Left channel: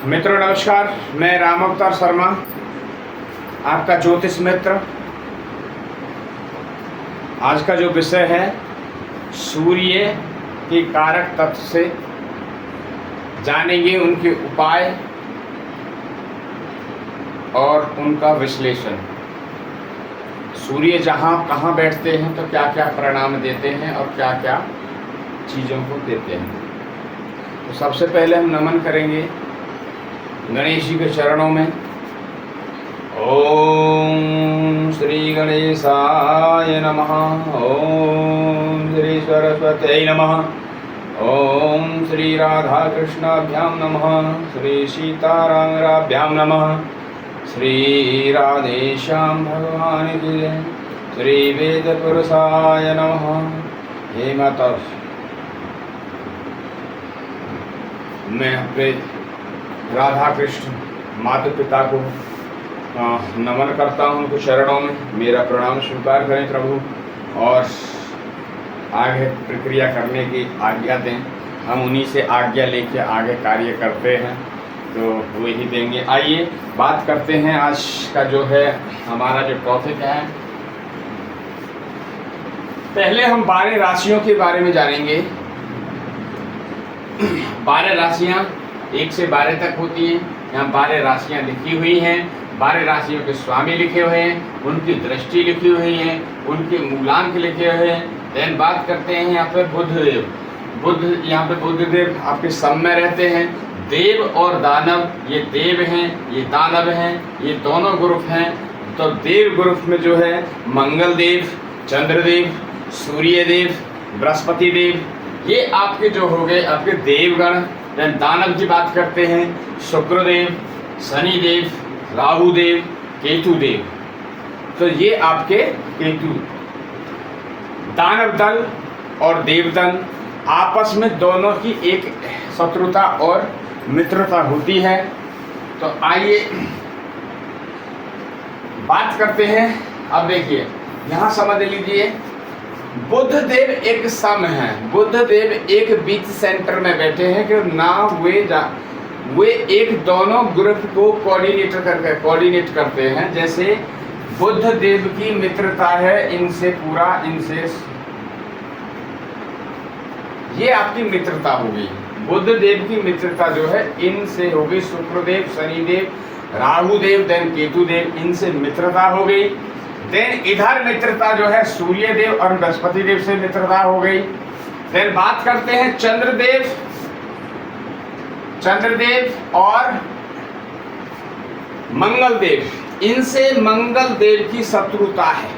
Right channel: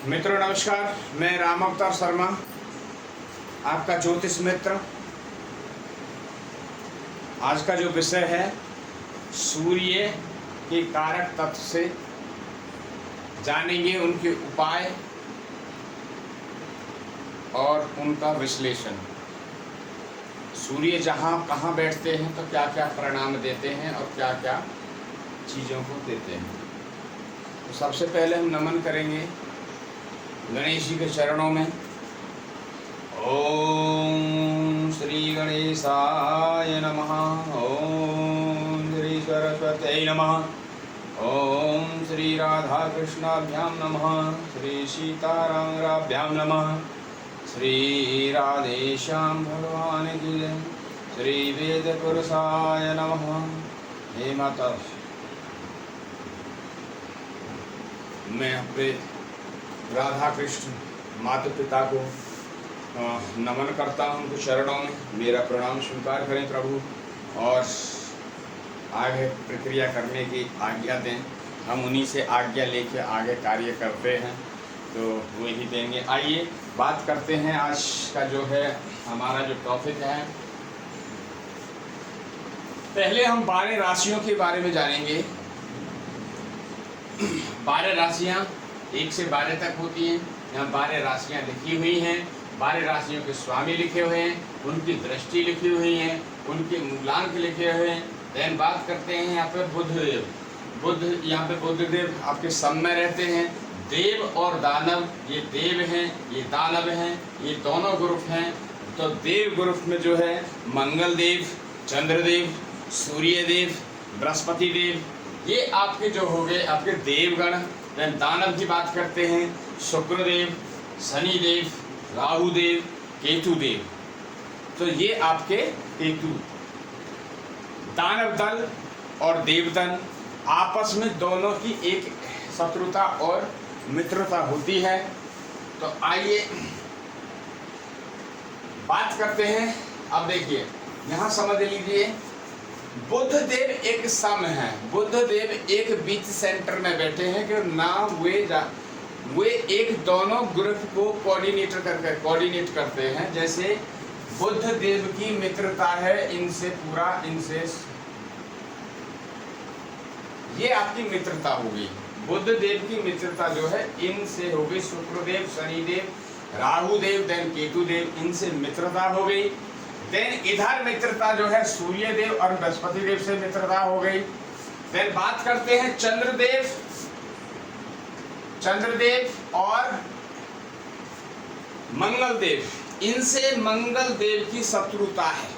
मित्रों नमस्कार, मैं राम अवतार शर्मा, आपका ज्योतिष मित्र। आज का जो विषय है सूर्य के कारक तत्व से जानेंगे उनके उपाय और उनका विश्लेषण। सूर्य जहाँ कहाँ बैठते हैं तो क्या क्या परिणाम देते हैं और क्या क्या चीज़ों को देते हैं। तो सबसे पहले हम नमन करेंगे गणेश जी के चरणों में। ओम श्री गणेशाय नमः। ओम श्री सरस्वत्यै नमः। ओम श्री राधा कृष्णाभ्याम नमः। श्री सीतारामराभ्यां नमः। श्री राधेश्याम भगवान की जय। श्री वेद पुरुषाय नमः। हे माता, मैं अपने राधा कृष्ण माता पिता को नमन करता हूँ, उनको चरणों में मेरा प्रणाम स्वीकार करें प्रभु, और आगे प्रक्रिया करने की आज्ञा दें। हम उन्हीं से आज्ञा लेके आगे कार्य करते हैं, तो वही देंगे। आइए बात करते हैं आज का जो है हमारा जो टॉपिक है। पहले हम 12 राशियों के बारे में जानेंगे। 12 राशियाँ 1 से 12 तक होती हैं। यहाँ 12 राशियाँ लिखी हुई हैं। 12 राशियों के स्वामी लिखे हुए हैं, उनकी दृष्टि लिखी हुई है, उनके मूलांक लिखे हुए हैं। देन बात करते हैं यहाँ पर बुधदेव। यहाँ पे बुधदेव आपके सम में रहते हैं। देव और दानव, ये देव हैं, ये दानव हैं, ये दोनों ग्रुप हैं। तो देव ग्रुप में जो है मंगल देव, चंद्रदेव, सूर्य देव, बृहस्पति देव, ये आपके जो हो गए आपके देवगण। देन दानव की बात करते हैं शुक्रदेव, शनिदेव, राहुदेव, केतुदेव। तो ये आपके केतु। दानव दल और देवदल आपस में दोनों की एक शत्रुता और मित्रता होती है। तो आइए बात करते हैं। अब देखिए यहाँ समझ लीजिए, बुध देव एक सम है। बुध देव एक बीच सेंटर में बैठे हैं कि ना वे एक दोनों ग्रुप को कोऑर्डिनेट करते हैं। जैसे बुध देव की मित्रता है इनसे पूरा, इनसे ये आपकी मित्रता होगी। बुध देव की मित्रता जो है इनसे हो गई, शुक्रदेव, शनिदेव, राहुदेव, देन केतुदेव, इनसे मित्रता हो गई। देन इधर मित्रता जो है सूर्य देव और बृहस्पति देव से मित्रता हो गई। देन बात करते हैं चंद्रदेव और मंगल देव, इनसे मंगल देव की शत्रुता है।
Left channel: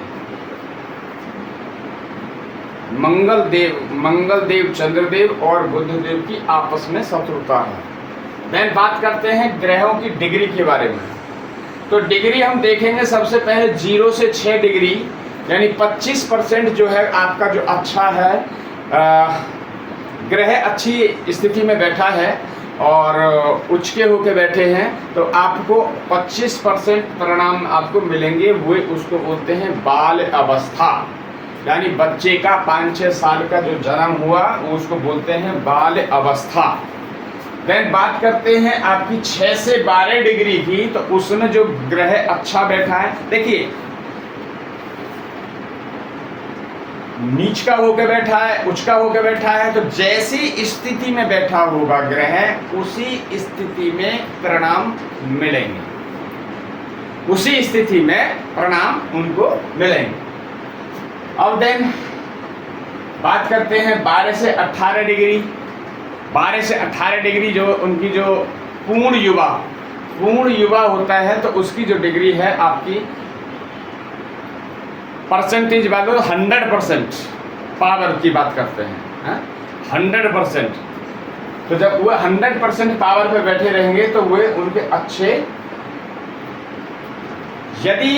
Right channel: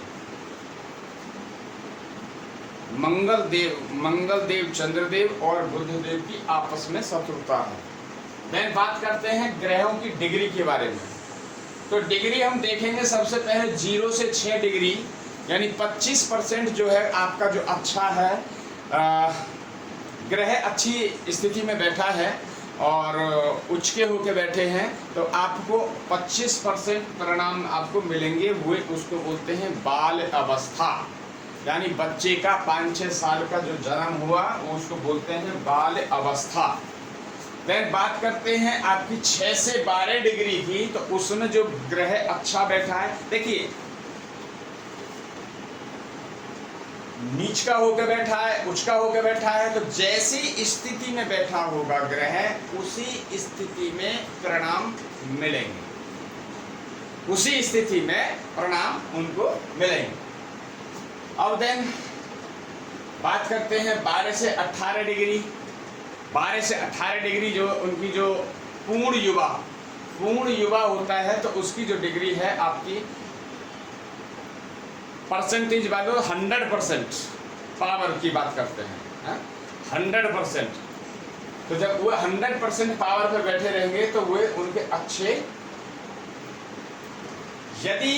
मंगल देव चंद्रदेव और बुध देव की आपस में शत्रुता है। देन बात करते हैं ग्रहों की डिग्री के बारे में। तो डिग्री हम देखेंगे सबसे पहले 0 से 6 डिग्री, यानी 25% जो है आपका जो अच्छा है, ग्रह अच्छी स्थिति में बैठा है और उच्च के होके बैठे हैं, तो आपको 25% परिणाम आपको मिलेंगे। वो उसको बोलते हैं बाल अवस्था, यानी बच्चे का 5-6 साल का जो जन्म हुआ उसको बोलते हैं बाल अवस्था। देन बात करते हैं आपकी 6 से 12 डिग्री की, तो उसमें जो ग्रह अच्छा बैठा है, देखिए नीच का होकर बैठा है, उच्च का होकर बैठा है, तो जैसी स्थिति में बैठा होगा ग्रह उसी स्थिति में परिणाम मिलेंगे, उसी स्थिति में परिणाम उनको मिलेंगे। अब देन बात करते हैं 12 से 18 डिग्री। 12 से 18 डिग्री जो उनकी जो पूर्ण युवा होता है, तो उसकी जो डिग्री है आपकी परसेंटेज वालों 100% पावर की बात करते हैं, 100%। तो जब वो 100% पावर पे बैठे रहेंगे तो वे उनके अच्छे, यदि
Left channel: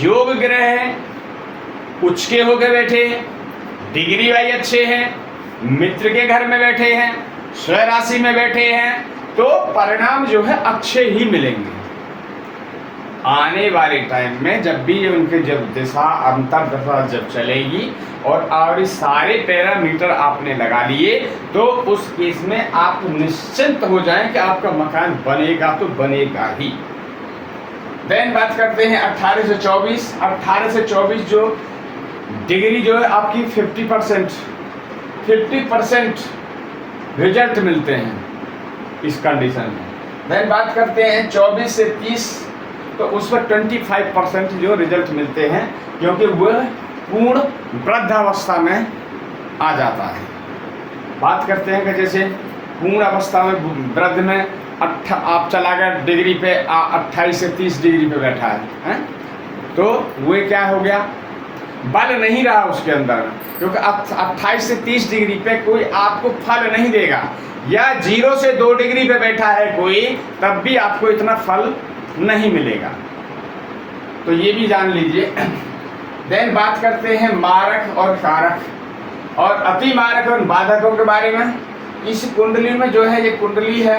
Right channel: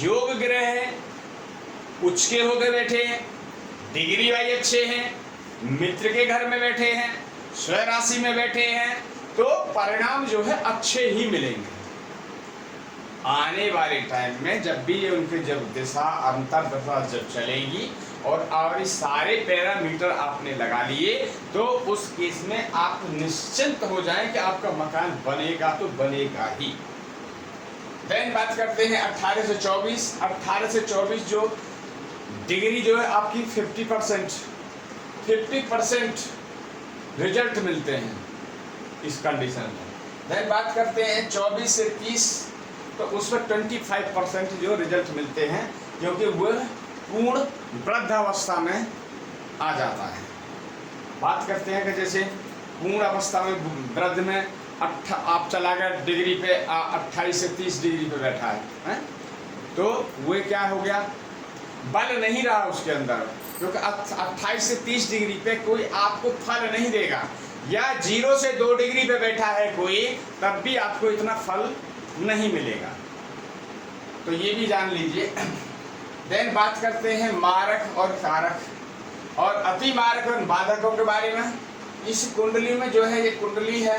योग ग्रह है, उच्च के होकर बैठे हैं, डिग्री वाइज अच्छे हैं, मित्र के घर में बैठे हैं, स्वराशि में बैठे हैं, तो परिणाम जो है अच्छे ही मिलेंगे। आने वाले टाइम में जब भी उनके जब दिशा अंतर दशा जब चलेगी और सारे पैरामीटर आपने लगा लिए, तो उस केस में आप निश्चिंत हो जाएं कि आपका मकान बनेगा तो बनेगा ही। देन बात करते हैं 18 से 24। 18 से 24 जो डिग्री जो है आपकी 50% रिजल्ट मिलते हैं इस कंडीशन में। देन बात करते हैं 24 से 30, तो उस पर 25% जो रिजल्ट मिलते हैं, क्योंकि वह पूर्ण वृद्धावस्था में आ जाता है। बात करते हैं कि जैसे पूर्ण अवस्था में वृद्ध में आप चला गया डिग्री पे 28 से 30 डिग्री पे बैठा है, तो वो क्या हो गया, बल नहीं रहा उसके अंदर, क्योंकि 28 से 30 डिग्री पे कोई आपको फल नहीं देगा, या 0 से 2 डिग्री पे बैठा है कोई, तब भी आपको इतना फल नहीं मिलेगा। तो ये भी जान लीजिए। देन बात करते हैं मारक और कारक और अति मारक और बाधकों के बारे में। इस कुंडली में जो है, ये कुंडली है,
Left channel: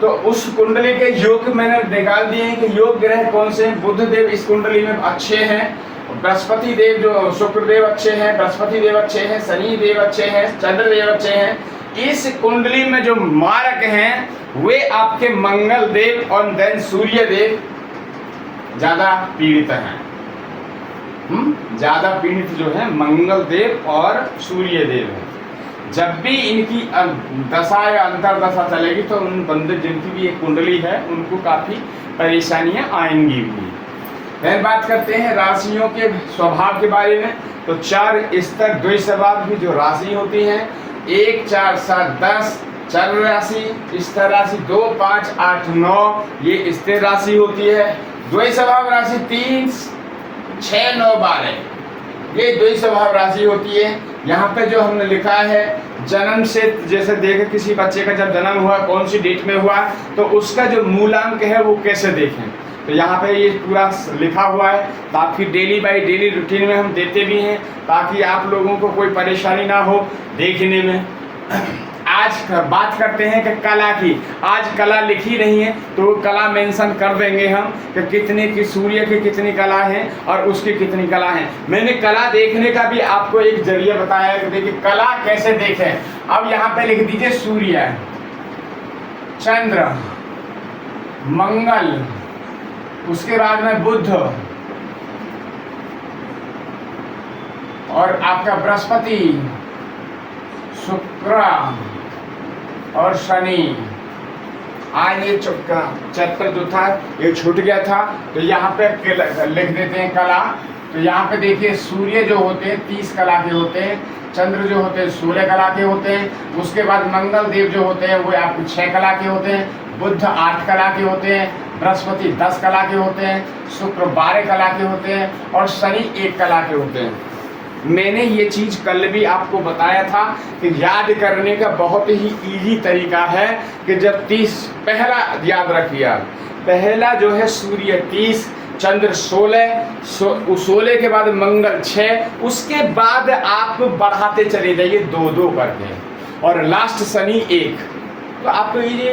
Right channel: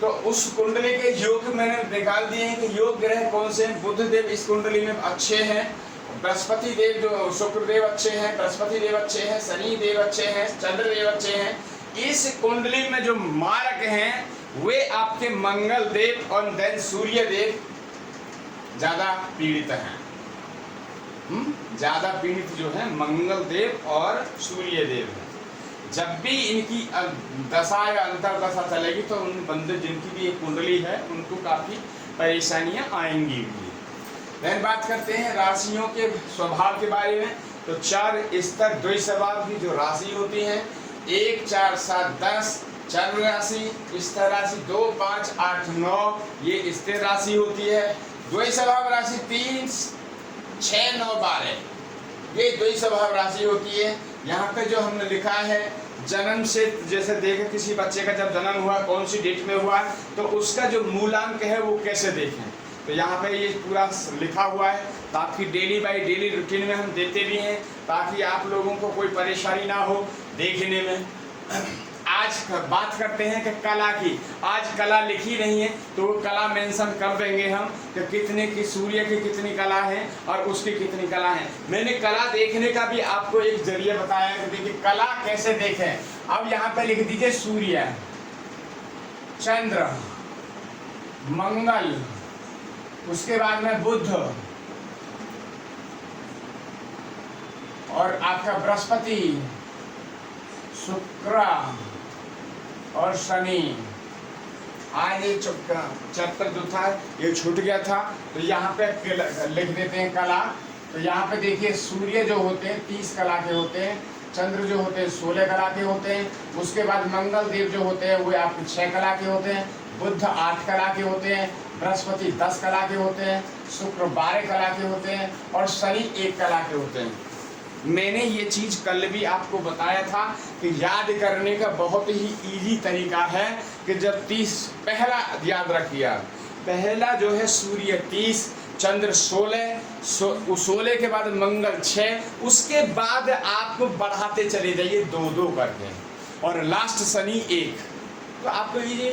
तो उस कुंडली के योग मैंने निकाल दिए हैं कि योग ग्रह कौन से हैं। बुध देव इस कुंडली में अच्छे हैं, बृहस्पति देव जो शुक्र देव अच्छे हैं, बृहस्पति देव अच्छे हैं, शनि देव अच्छे हैं, चंद्र देव अच्छे हैं। इस कुंडली में जो मारक हैं वे आपके मंगल देव और देन सूर्य देव ज्यादा पीड़ित हैं। ज्यादा पीड़ित जो है मंगल देव और सूर्य देव है। जब भी इनकी दशा या अंतरदशा चलेगी तो उन बंदे जिनकी भी एक कुंडली है उनको काफी परेशानियां आएंगी भी। फिर बात करते हैं राशियों के स्वभाव के बारे में। तो 4 स्तर द्वैत स्वभाव की जो राशि होती है, 1, 4, 7, 10 चर राशि, स्तर राशि 2, 5, 8, 9 ये स्थिर राशि होती है। द्वैत स्वभाव राशि 3, 6, 9, 12 ये द्वैत स्वभाव राशि होती है। यहाँ पे जो हमने लिखा है जन्म से, जैसे देखें किसी बच्चे का जब जन्म हुआ कौन सी डेट में हुआ, तो उसका जो मूलांक है वो कैसे देखें, तो यहाँ पे ये पूरा लिखा हुआ है। ताकि डेली बाई डेली रूटीन में हम देते भी हैं, ताकि आप लोगों को कोई परेशानी ना हो देखने में। आज बात करते हैं कि कला की। आज कला लिखी नहीं है तो कला मेंशन कर देंगे हम कि कितने की सूर्य की कितनी कला है और उसकी कितनी कला है। मैंने कला देखने का भी आपको एक जरिया बताया कि देखिए कला कैसे देखें। अब यहाँ पे लिख दीजिए सूर्य, चंद्र, मंगल, उसके बाद में बुध और आपका बृहस्पति, शुक्र और शनि। आज ये चैप्टर जो था ये छूट गया था, तो यहाँ पे लिख देते हैं कला। तो यहाँ पे देखिए सूर्य जो होते हैं 30 कला के होते हैं, चंद्र जो होते हैं 16 कला के होते हैं, उसके बाद मंगल देव जो होते हैं वो आपके 6 कला के होते हैं, बुध 8 कला के होते हैं, बृहस्पति 10 कला के होते हैं, शुक्र 12 कला के होते हैं और शनि 1 कला के होते हैं। मैंने ये चीज़ कल भी आपको बताया था कि याद करने का बहुत ही इजी तरीका है कि जब 30 पहला याद रखिए, पहला जो है सूर्य 30, चंद्र 16 के बाद मंगल 6, उसके बाद आप बढ़ाते चले जाइए 2-2 करके और लास्ट शनि 1, तो आपको ये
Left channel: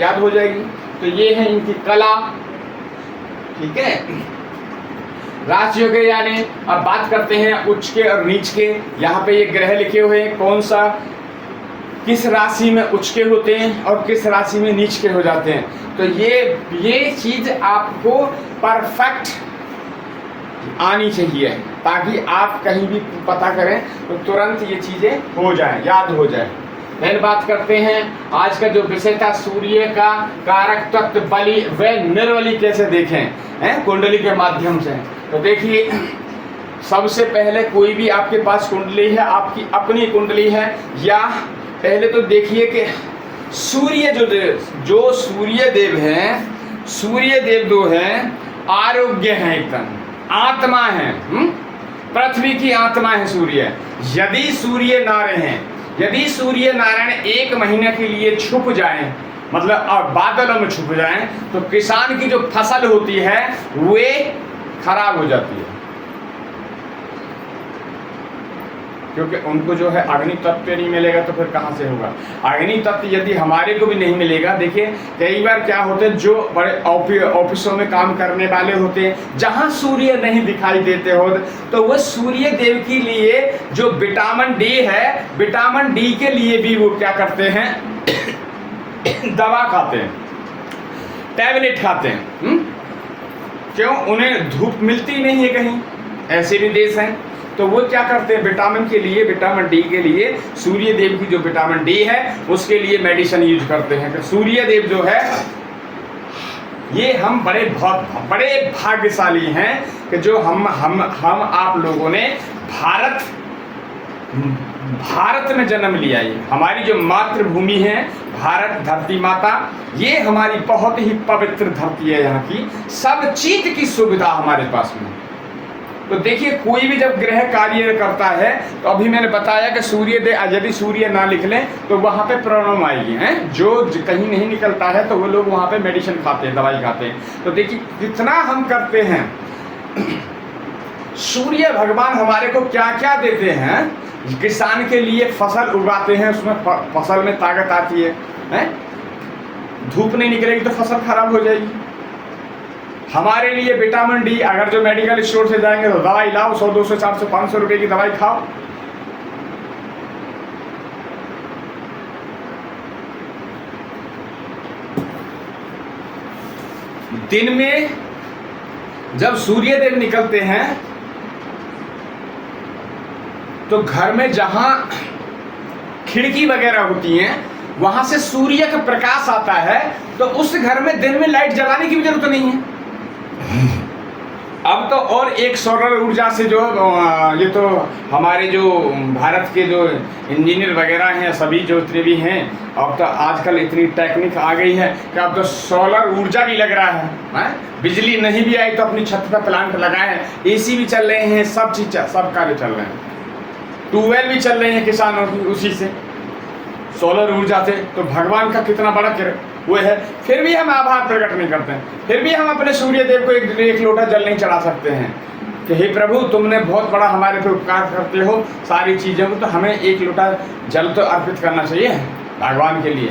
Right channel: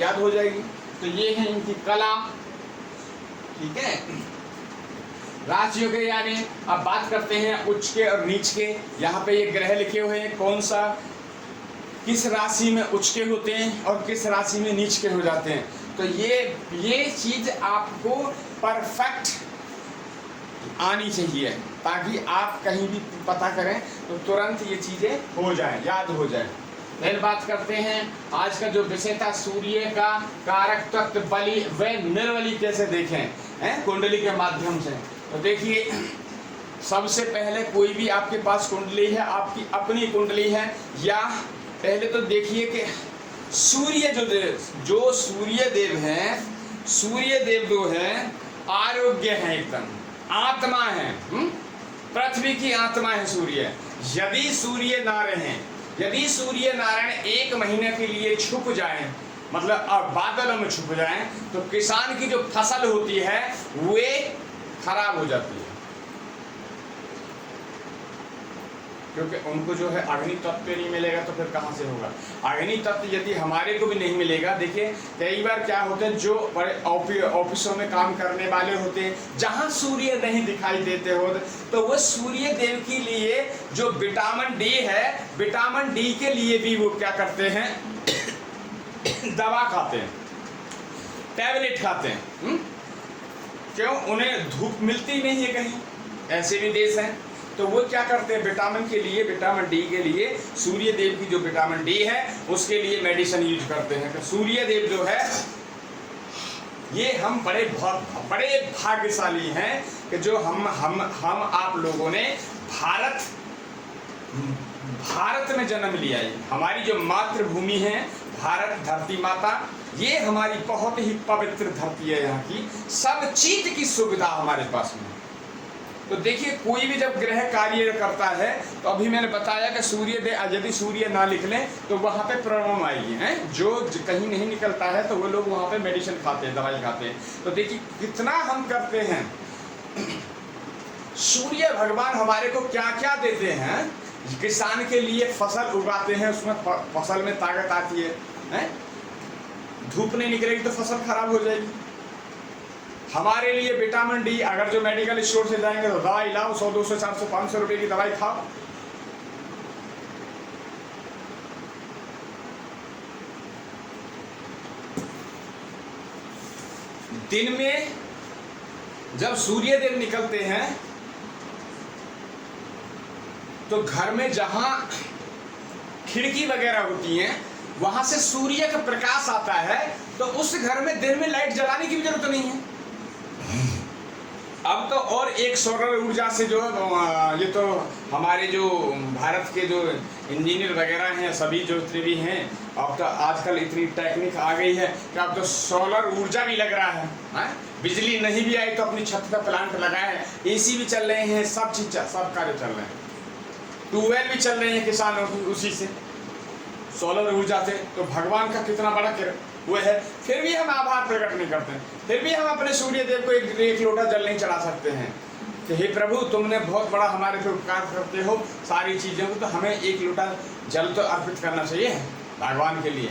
याद हो जाएगी। तो ये है इनकी कला, ठीक है। राशियों के यानी अब बात करते हैं उच्च के और नीच के। यहाँ पे ये ग्रह लिखे हुए हैं कौन सा किस राशि में उच्च के होते हैं और किस राशि में नीच के हो जाते हैं। तो ये चीज आपको परफेक्ट आनी चाहिए ताकि आप कहीं भी पता करें तो तुरंत ये चीजें हो जाएं, याद हो जाए। फिर बात करते हैं आज का जो विषय था सूर्य का कारक तत्व बलि व निर्बली कैसे देखें हैं कुंडली के माध्यम से। तो देखिए सबसे पहले कोई भी आपके पास कुंडली है, आपकी अपनी कुंडली है, या पहले तो देखिए कि सूर्य जो सूर्य देव हैं, सूर्य देव जो हैं आरोग्य हैं, एकदम आत्मा है, पृथ्वी की आत्मा है सूर्य। यदि सूर्य नारायण, यदि सूर्य नारायण 1 महीने के लिए छुप जाएं, मतलब अब बादलों में छुप जाएं, तो किसान की जो फसल होती है वे खराब हो जाती है। क्योंकि उनको जो है अग्नि तत्व नहीं मिलेगा तो फिर कहाँ से होगा। अग्नि तत्व यदि हमारे को भी नहीं मिलेगा, देखिए कई बार क्या होते हैं, जो बड़े ऑफिसों में काम करने वाले होते हैं, जहाँ सूर्य नहीं दिखाई देते हो तो वो सूर्य देव के लिए जो विटामिन डी है, विटामिन डी के लिए भी वो क्या करते हैं दवा खाते हैं, टैबलेट खाते हैं। क्यों? उन्हें धूप मिलती नहीं है कहीं, ऐसे भी देश हैं, तो वो क्या करते हैं विटामिन के लिए, विटामिन डी के लिए सूर्य देव की जो विटामिन डी है उसके लिए मेडिसिन यूज करते हैं। तो सूर्य देव जो है ये हम बड़े भाग्यशाली हैं कि जो हम आप लोगों ने भारत में जन्म लिया। ये हमारी जो मातृभूमि है भारत धरती माता, ये हमारी बहुत ही पवित्र धरती है। यहाँ की सब चीज की सुविधा हमारे पास में। तो देखिए कोई भी जब ग्रह कार्य करता है तो अभी मैंने बताया कि सूर्य देव यदि सूर्य ना निकले तो वहाँ पे प्रॉब्लम आएगी हैं। जो कहीं नहीं निकलता है तो वो लोग वहाँ पे मेडिसिन खाते हैं, दवाई खाते हैं। तो देखिए कितना हम करते हैं। सूर्य भगवान हमारे को क्या क्या देते हैं। किसान के लिए फसल उगाते हैं, उसमें फसल में ताकत आती है? धूप नहीं निकलेगी तो फसल खराब हो जाएगी। हमारे लिए विटामिन डी, अगर जो मेडिकल स्टोर से जाएंगे तो दवाई लाओ, 100, 200, 400, 500 रुपए की दवाई खाओ। दिन में जब सूर्य देव निकलते हैं तो घर में जहां खिड़की वगैरह होती हैं वहां से सूर्य का प्रकाश आता है, तो उस घर में दिन में लाइट जलाने की भी जरूरत नहीं है। अब तो और एक सौर ऊर्जा से जो ये तो हमारे जो भारत के जो इंजीनियर वगैरह हैं सभी जो इतने भी हैं, अब तो आजकल इतनी टेक्निक आ गई है कि अब तो सोलर ऊर्जा भी लग रहा है। बिजली नहीं भी आई तो अपनी छत पर प्लांट लगाए, एसी भी चल रहे हैं, सब चीज सब कार्य चल रहे हैं, ट्यूबवेल भी चल रहे हैं किसानों की उसी से, सोलर ऊर्जा से। तो भगवान का कितना बड़ा वो है, फिर भी हम आभार प्रकट नहीं करते हैं। फिर भी हम अपने सूर्य देव को एक लोटा जल नहीं चढ़ा सकते हैं कि हे प्रभु तुमने बहुत बड़ा हमारे पे उपकार करते हो सारी चीज़ों को, तो हमें एक लोटा जल तो अर्पित करना चाहिए भगवान के लिए,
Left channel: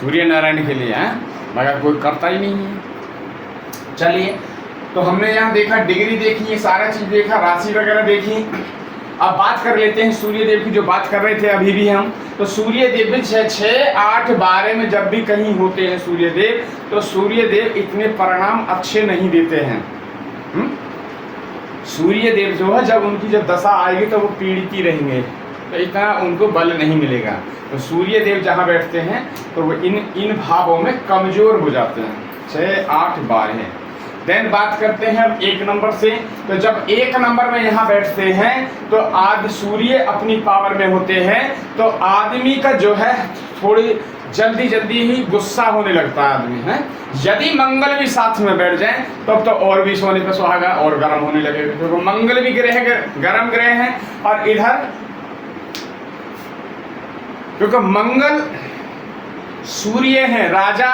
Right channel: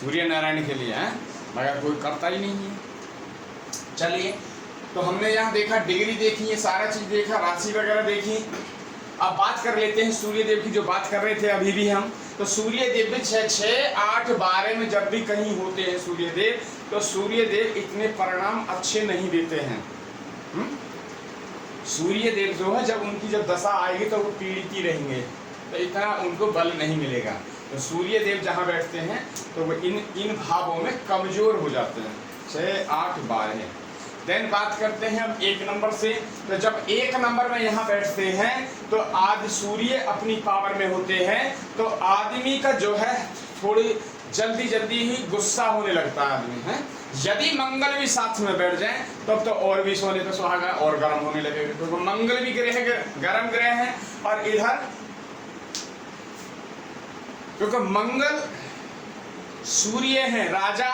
सूर्य नारायण के लिए, हैं, मगर कोई करता ही नहीं है। चलिए, तो हमने यहाँ देखा, डिग्री देखी, ये सारा चीज़ देखा, राशि वगैरह देखी। अब बात कर लेते हैं सूर्य देव की, जो बात कर रहे थे अभी भी हम। तो सूर्य देव 6, 8, 12 में जब भी कहीं होते हैं सूर्य देव, तो सूर्य देव इतने परिणाम अच्छे नहीं देते हैं। सूर्य देव जो है जब उनकी जब दशा आएगी तो वो पीड़ित ही रहेंगे, तो इतना उनको बल नहीं मिलेगा। तो सूर्य देव जहाँ बैठते हैं तो वो इन भावों में कमजोर हो जाते हैं। 6, 8, 12। देन बात करते हैं अब 1 नंबर से। तो जब 1 नंबर में यहाँ बैठते हैं तो आज सूर्य अपनी पावर में होते हैं, तो आदमी का जो है थोड़ी जल्दी ही गुस्सा होने लगता है आदमी है। यदि मंगल भी साथ में बैठ जाए तब तो और भी सोने पे सुहागा और गर्म होने लगेगा, क्योंकि मंगल भी गर्म ग्रह है, और इधर क्योंकि मंगल सूर्य है राजा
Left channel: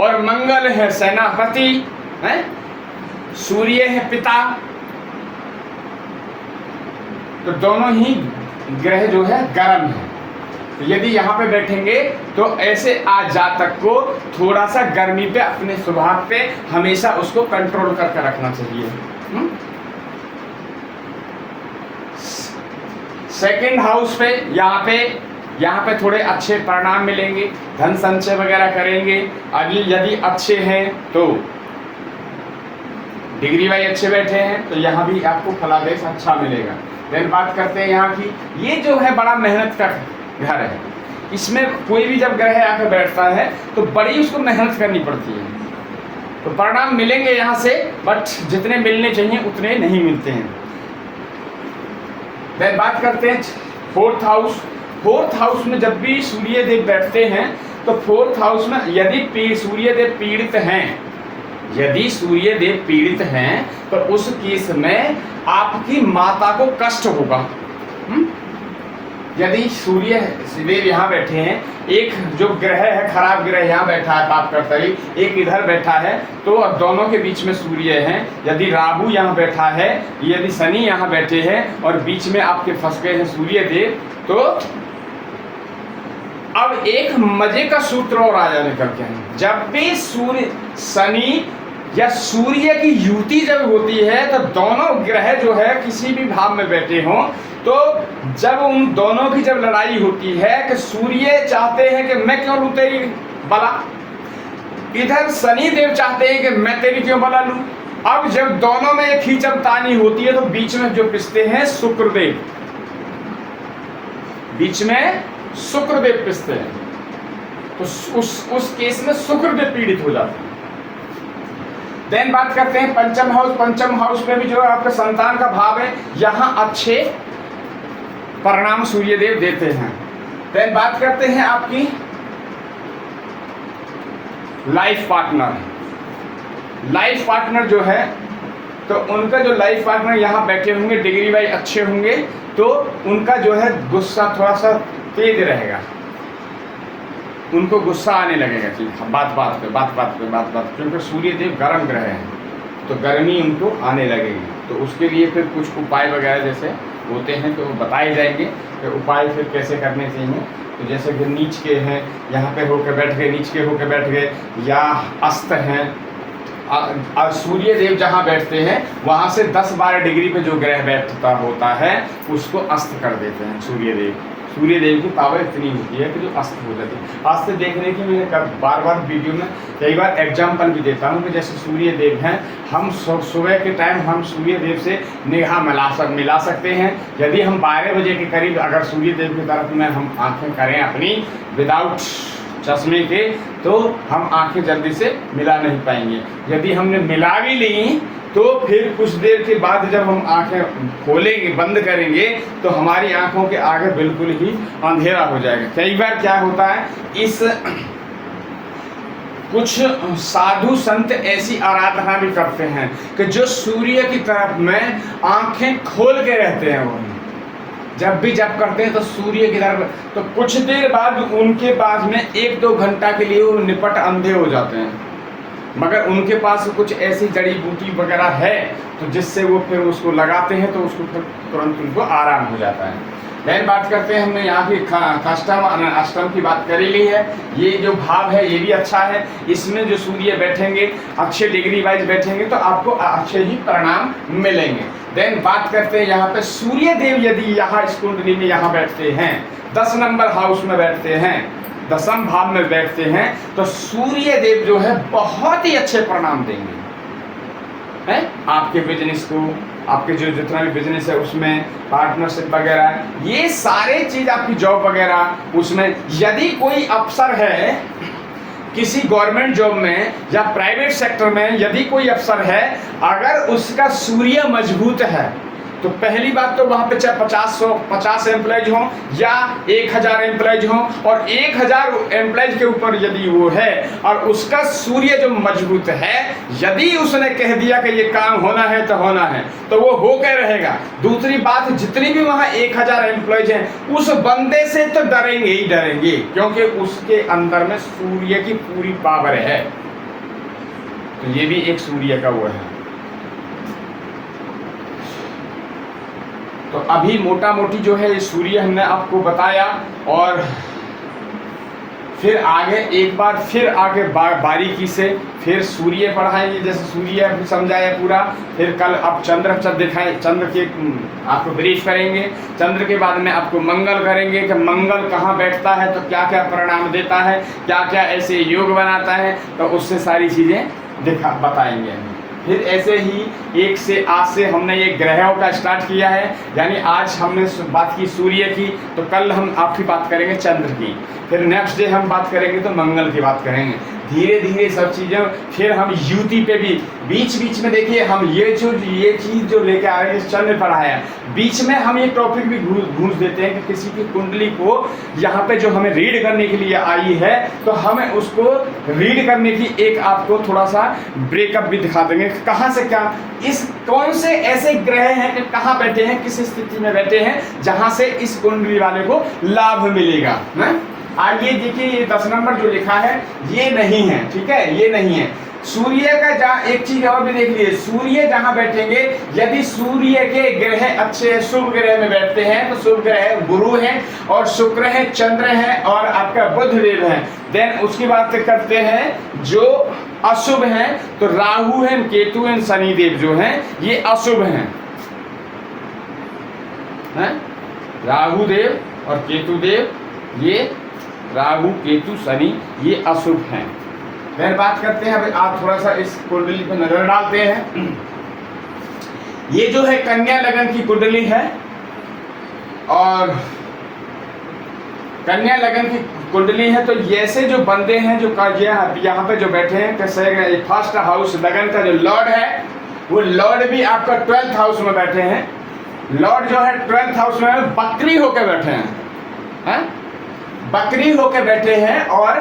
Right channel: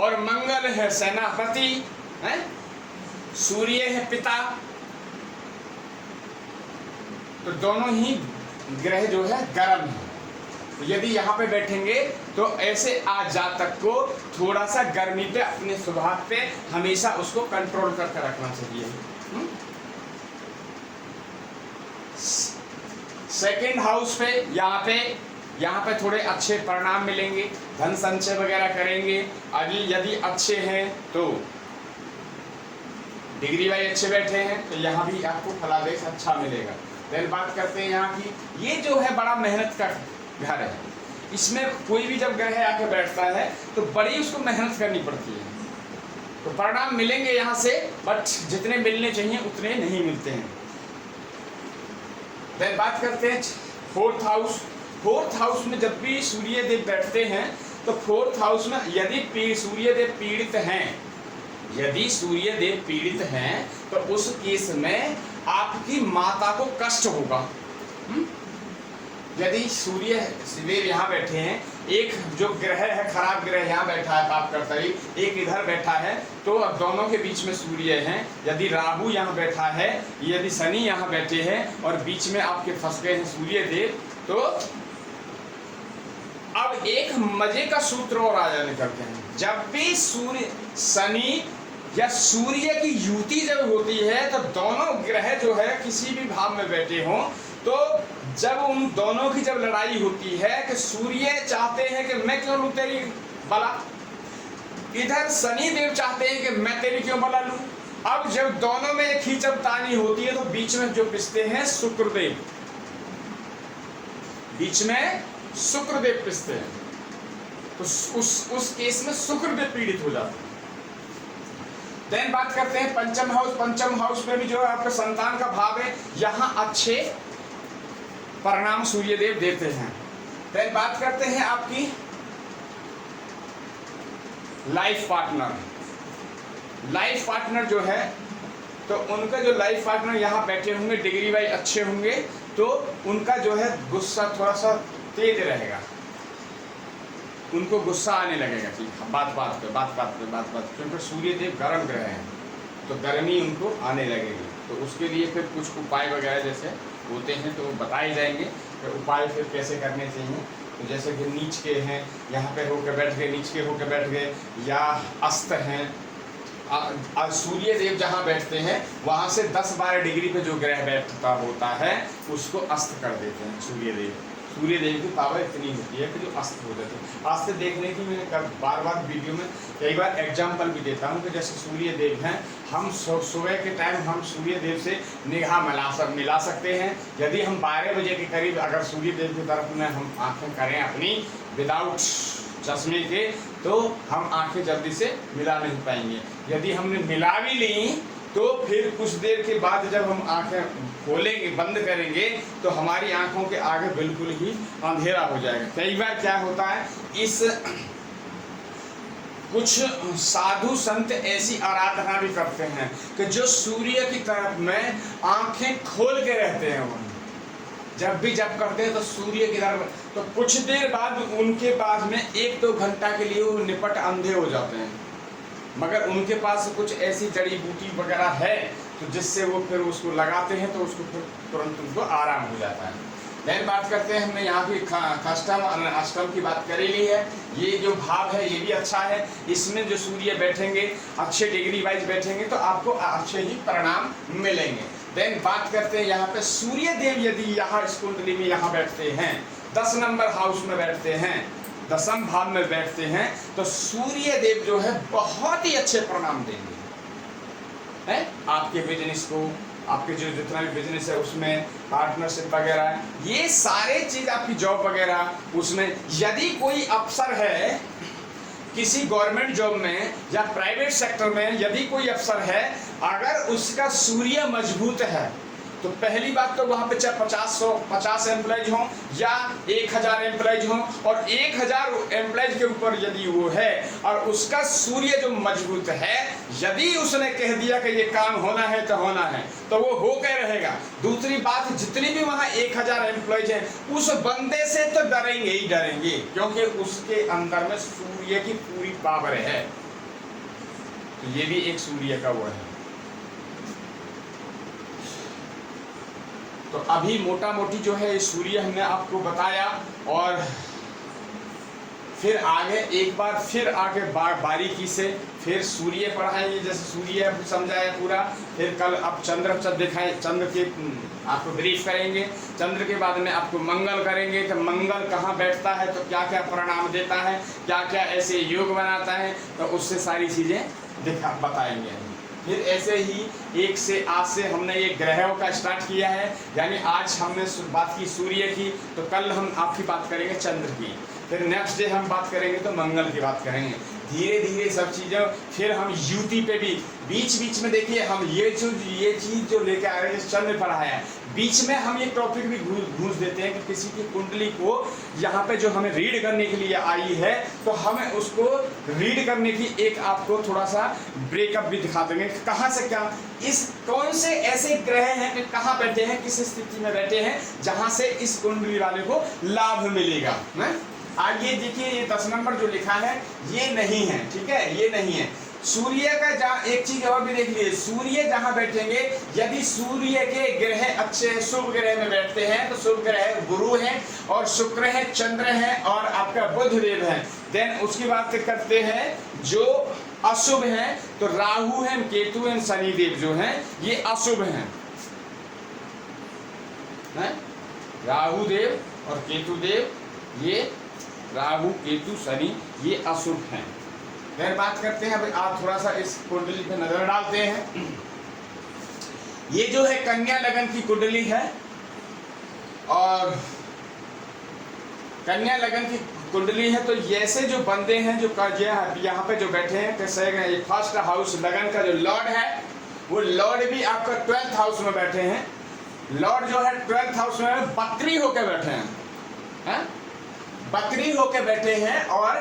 और मंगल है सेनापति है, सूर्य है पिता, तो दोनों ही ग्रह जो है गर्म है। तो यदि यहाँ पे बैठेंगे तो ऐसे आज जातक को थोड़ा सा गर्मी पे अपने स्वभाव पे हमेशा उसको कंट्रोल करके रखना चाहिए। सेकंड हाउस पे यहाँ पे थोड़े अच्छे परिणाम मिलेंगे, धन संचय वगैरह करेंगे। अभी यदि अच्छे हैं तो डिग्री वाइज अच्छे बैठे हैं तो यहाँ भी आपको फलादेश अच्छा मिलेगा। देन बात करते हैं यहाँ की, ये जो है बड़ा मेहनत का घर है, इसमें कोई भी जब ग्रह आकर बैठता है तो बड़ी उसको मेहनत करनी पड़ती है, तो परिणाम मिलेंगे यहाँ से, बट जितने मिलने चाहिए उतने नहीं मिलते हैं। देन बात करते हैं 4th हाउस। 4th हाउस में जब भी सूर्य देव बैठते हैं तो 4th हाउस में यदि सूर्य देव पीड़ित हैं, यदि सूर्य देव पीड़ित हैं तो उस केस में आपकी माता को कष्ट होगा। यदि सूर्य देव यहाँ बैठे हैं, एक जो ग्रह है, खराब ग्रह यहाँ बैठा है पाप करता ही, एक इधर बैठा है, तो अब दोनों के बीच में सूर्य है। यदि राहु यहाँ बैठा है, यदि शनि यहाँ बैठे हैं और बीच में आपके फंस गए हैं सूर्य देव, तो अब एक मजे का सूत्र और राजा निकल के हैं। जब भी सूर्य शनि या सूर्य की युति जब होती है तो दोनों ग्रह जो है किसी भी भाव में बैठे हों, तो जब उन दोनों की जब लड़ाई होती है कि सूर्य चाहते हैं कि मैं क्यों लूं तेरी बला, इधर शनि देव चाहते हैं कि मैं तेरी क्यों बला लूं। अब जब दोनों में एक खींचतानी होती है तो बीच में जो पिसते हैं शुक्रदेव, बीच में शुक्रदेव पिसते हैं, तो उस केस में शुक्रदेव पीड़ित हो जाते हैं। देन बात करते हैं पंचम हाउस। पंचम हाउस में भी जो है आपके संतान का भाव है, यहाँ अच्छे परिणाम सूर्यदेव देते हैं। देन बात करते हैं आपकी लाइफ पार्टनर। लाइफ पार्टनर जो है, तो उनका जो लाइफ पार्टनर यहाँ बैठे होंगे, डिग्री वाइज अच्छे होंगे, तो उनका जो है गुस्सा थोड़ा सा तेज रहेगा, उनको गुस्सा आने लगेगा कि बात बात पे, क्योंकि सूर्यदेव गर्म ग्रह हैं, तो गर्मी उनको आने लगेगी। तो उसके लिए फिर कुछ उपाय वगैरह जैसे होते हैं तो बताए जाएंगे कि उपाय फिर कैसे करने चाहिए। तो जैसे कि नीच के हैं, यहाँ पे होकर बैठ गए, नीच के होकर बैठ गए, या अस्त हैं। सूर्यदेव जहाँ बैठते हैं वहाँ से 10-12 डिग्री पे जो ग्रह बैठता होता है उसको अस्त कर देते हैं सूर्यदेव। सूर्यदेव की पावर इतनी होती है कि जो अस्त हो जाती है। अस्त देखने की मैं बार बार वीडियो में कई बार एग्जाम्पल भी देता हूँ कि जैसे सूर्यदेव हैं, हम सुबह के टाइम हम सूर्यदेव से निगाह मिला सकते हैं। यदि हम 12 बजे के करीब अगर सूर्यदेव की तरफ में हम आंखें करें अपनी विदाउट चश्मे के, तो हम आंखें जल्दी से मिला नहीं पाएंगे। यदि हमने मिला भी ली तो फिर कुछ देर के बाद जब हम आंखें खोलेंगे, बंद करेंगे, तो हमारी आंखों के आगे बिल्कुल ही अंधेरा हो जाएगा। कई बार क्या होता है, इस कुछ साधु संत ऐसी आराधना भी करते हैं कि जो सूर्य की तरफ में आंखें खोल के रहते हैं। वो जब भी जप करते हैं तो सूर्य की तरफ, तो कुछ देर बाद उनके पास में 1-2 घंटा के लिए वो निपट अंधे हो जाते हैं, मगर उनके पास कुछ ऐसी जड़ी बूटी वगैरह है तो जिससे वो फिर उसको लगाते हैं तो उसको फिर तुरंत उनको आराम हो जाता है। फिर बात करते हैं, हमने यहाँ की अष्टम की बात कर ली है। ये जो भाव है ये भी अच्छा है, इसमें जो सूर्य बैठेंगे अच्छे डिग्री वाइज बैठेंगे तो आपको अच्छे ही परिणाम मिलेंगे। देन बात करते हैं यहाँ पे सूर्य देव यदि यहाँ इस कुंडली में यहाँ बैठते हैं, 10 नंबर हाउस में बैठते हैं, 10म भाव में बैठते हैं, तो सूर्य देव जो है बहुत ही अच्छे परिणाम देंगे हैं आपके बिजनेस को, आपके जो जितना भी बिजनेस है उसमें, पार्टनरशिप वगैरह, ये सारे चीज आपकी जॉब वगैरह उसमें। यदि कोई अफसर है किसी गवर्नमेंट जॉब में या प्राइवेट सेक्टर में, यदि कोई अफसर है अगर उसका सूर्य मजबूत है तो पहली बात तो वहाँ पे चाहे 50 एम्प्लॉयज हों या 1000 एम्प्लॉयज हों, और 1000 एम्प्लॉयज के ऊपर यदि वो है और उसका सूर्य जो मजबूत है, यदि उसने कह दिया कि ये काम होना है तो होना है, तो वो होकर रहेगा। दूसरी बात, जितनी भी वहाँ 1000 एम्प्लॉयज हैं उस बंदे से तो डरेंगे ही डरेंगे, क्योंकि उसके अंदर में सूर्य की पूरी पावर है। तो ये भी एक सूर्य का वो है। तो अभी मोटा मोटी जो है ये सूर्य हमने आपको बताया, और फिर आगे एक बार फिर आगे बारीकी से फिर सूर्य पढ़ाएंगे, जैसे सूर्य समझाया पूरा। फिर कल आप चंद्र दिखाएं, चंद्र के आपको ब्रीफ करेंगे। चंद्र के बाद में आपको मंगल करेंगे कि मंगल कहाँ बैठता है तो क्या क्या परिणाम देता है, क्या क्या ऐसे योग बनाता है, तो उससे सारी चीज़ें बताएंगे। फिर ऐसे ही एक से आज से हमने ये ग्रहों का स्टार्ट किया है, यानी आज हमने बात की सूर्य की, तो कल हम आपकी बात करेंगे चंद्र की, फिर नेक्स्ट डे हम बात करेंगे तो मंगल की बात करेंगे। धीरे धीरे सब चीज़ें, फिर हम युति पे भी बीच बीच में देखिए हम ये चीज़ जो लेके आ रहे हैं, चंद्र पढ़ाया, बीच में हम ये टॉपिक भी घूंस देते हैं कि किसी की कुंडली को यहाँ पे जो हमें रीड करने के लिए आई है तो हमें उसको रीड करने की एक आपको थोड़ा सा ब्रेकअप भी दिखा देंगे, कहाँ से क्या, इस कौन से ऐसे ग्रह हैं कि कहाँ बैठे हैं, किस स्थिति में बैठे हैं जहाँ से इस कुंडली वाले को लाभ मिलेगा। आइए देखिए, ये 10 नंबर जो लिखा है ये नहीं है, ठीक है, ये नहीं है। सूर्य का जहाँ, एक चीज और भी देख लीजिए, सूर्य जहां बैठेंगे, यदि सूर्य के ग्रह अच्छे शुभ ग्रह में बैठते हैं तो शुभ ग्रह गुरु है और शुक्र है, चंद्र है और आपका बुध देव है। देन उसकी बात करते हैं जो अशुभ हैं, तो राहु है, केतु है, शनि देव जो हैं ये अशुभ हैं, राहु देव और केतु देव, ये राहु केतु शनि ये अशुभ हैं। फिर बात करते हैं, अभी आप थोड़ा सा इस कुंडली पर नजर डालते हैं। ये जो है कन्या लगन की कुंडली है और कन्या लगन की कुंडली है। तो ऐसे जो बंदे हैं जो यहाँ पे जो बैठे हैं, कैसे फर्स्ट हाउस लगन का जो लॉर्ड है वो लॉर्ड भी आपका 12th हाउस में बैठे हैं। लॉर्ड जो है 12th हाउस में बकरी होकर बैठे हैं, बकरी होकर बैठे हैं और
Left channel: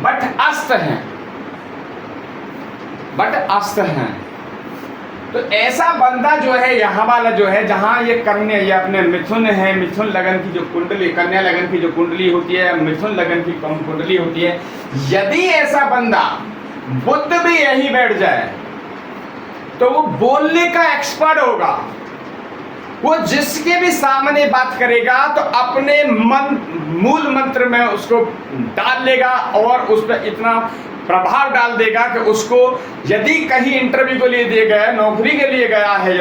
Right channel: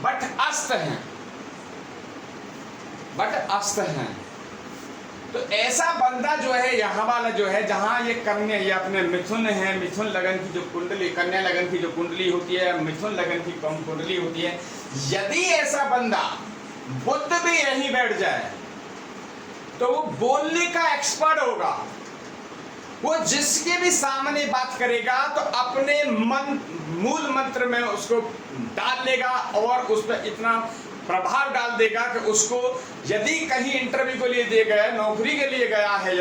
बट अस्त हैं, बट अस्त हैं। तो ऐसा बंदा जो है यहाँ वाला जो है, जहाँ ये कन्या, ये अपने मिथुन है, मिथुन लगन की जो कुंडली, कन्या लगन की जो कुंडली होती है, मिथुन लगन की कुंडली होती है, यदि ऐसा बंदा बुध भी यही बैठ जाए तो वो बोलने का एक्सपर्ट होगा। वो जिसके भी सामने बात करेगा तो अपने मूल मंत्र में उसको डाल लेगा और उस पर इतना प्रभाव डाल देगा कि उसको, यदि कहीं इंटरव्यू के लिए दिए गया, नौकरी के लिए गया है,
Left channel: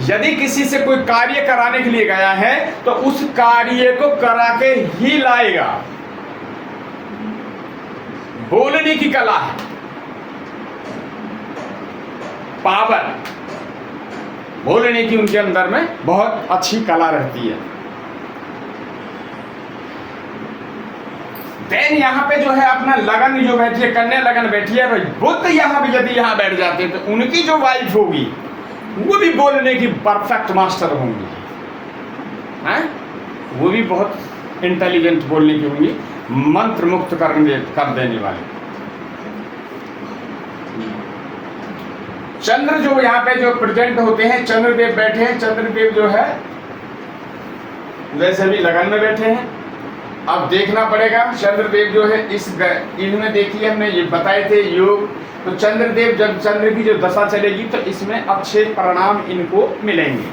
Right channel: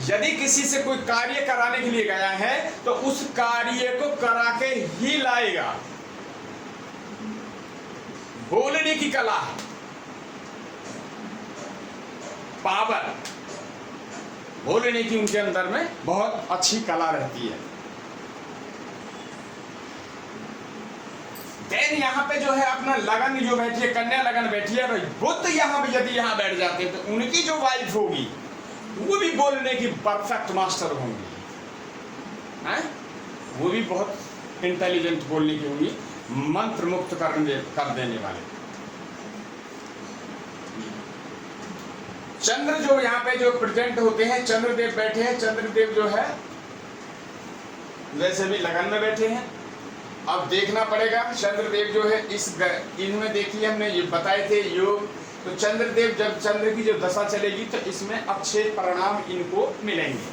यदि किसी से कोई कार्य कराने के लिए गया है तो उस कार्य को करा के ही लाएगा। बोलने की कला है, पावर, बोलने की उनके अंदर में बहुत अच्छी कला रहती है। देन यहाँ पे जो है अपना लगन जो बैठी है, कन्या लगन बैठी है, बुध यहाँ भी यदि यहाँ बैठ जाते हैं तो उनकी जो वाइफ होगी वो भी बोलने की परफेक्ट मास्टर होंगी, वो भी बहुत इंटेलिजेंट बोलने की होंगी, मंत्र मुक्त कर देने वाले। चंद्र जो यहाँ पे जो प्रेजेंट होते हैं, चंद्रदेव बैठे हैं, चंद्रदेव जो है वैसे भी लगन में बैठे हैं। अब देखना पड़ेगा चंद्रदेव जो है इनमें देखिए, हमने ये बताए थे योग, तो चंद्रदेव जब चंद्र की जो दशा चलेगी तो इसमें अच्छे परिणाम इनको मिलेंगे।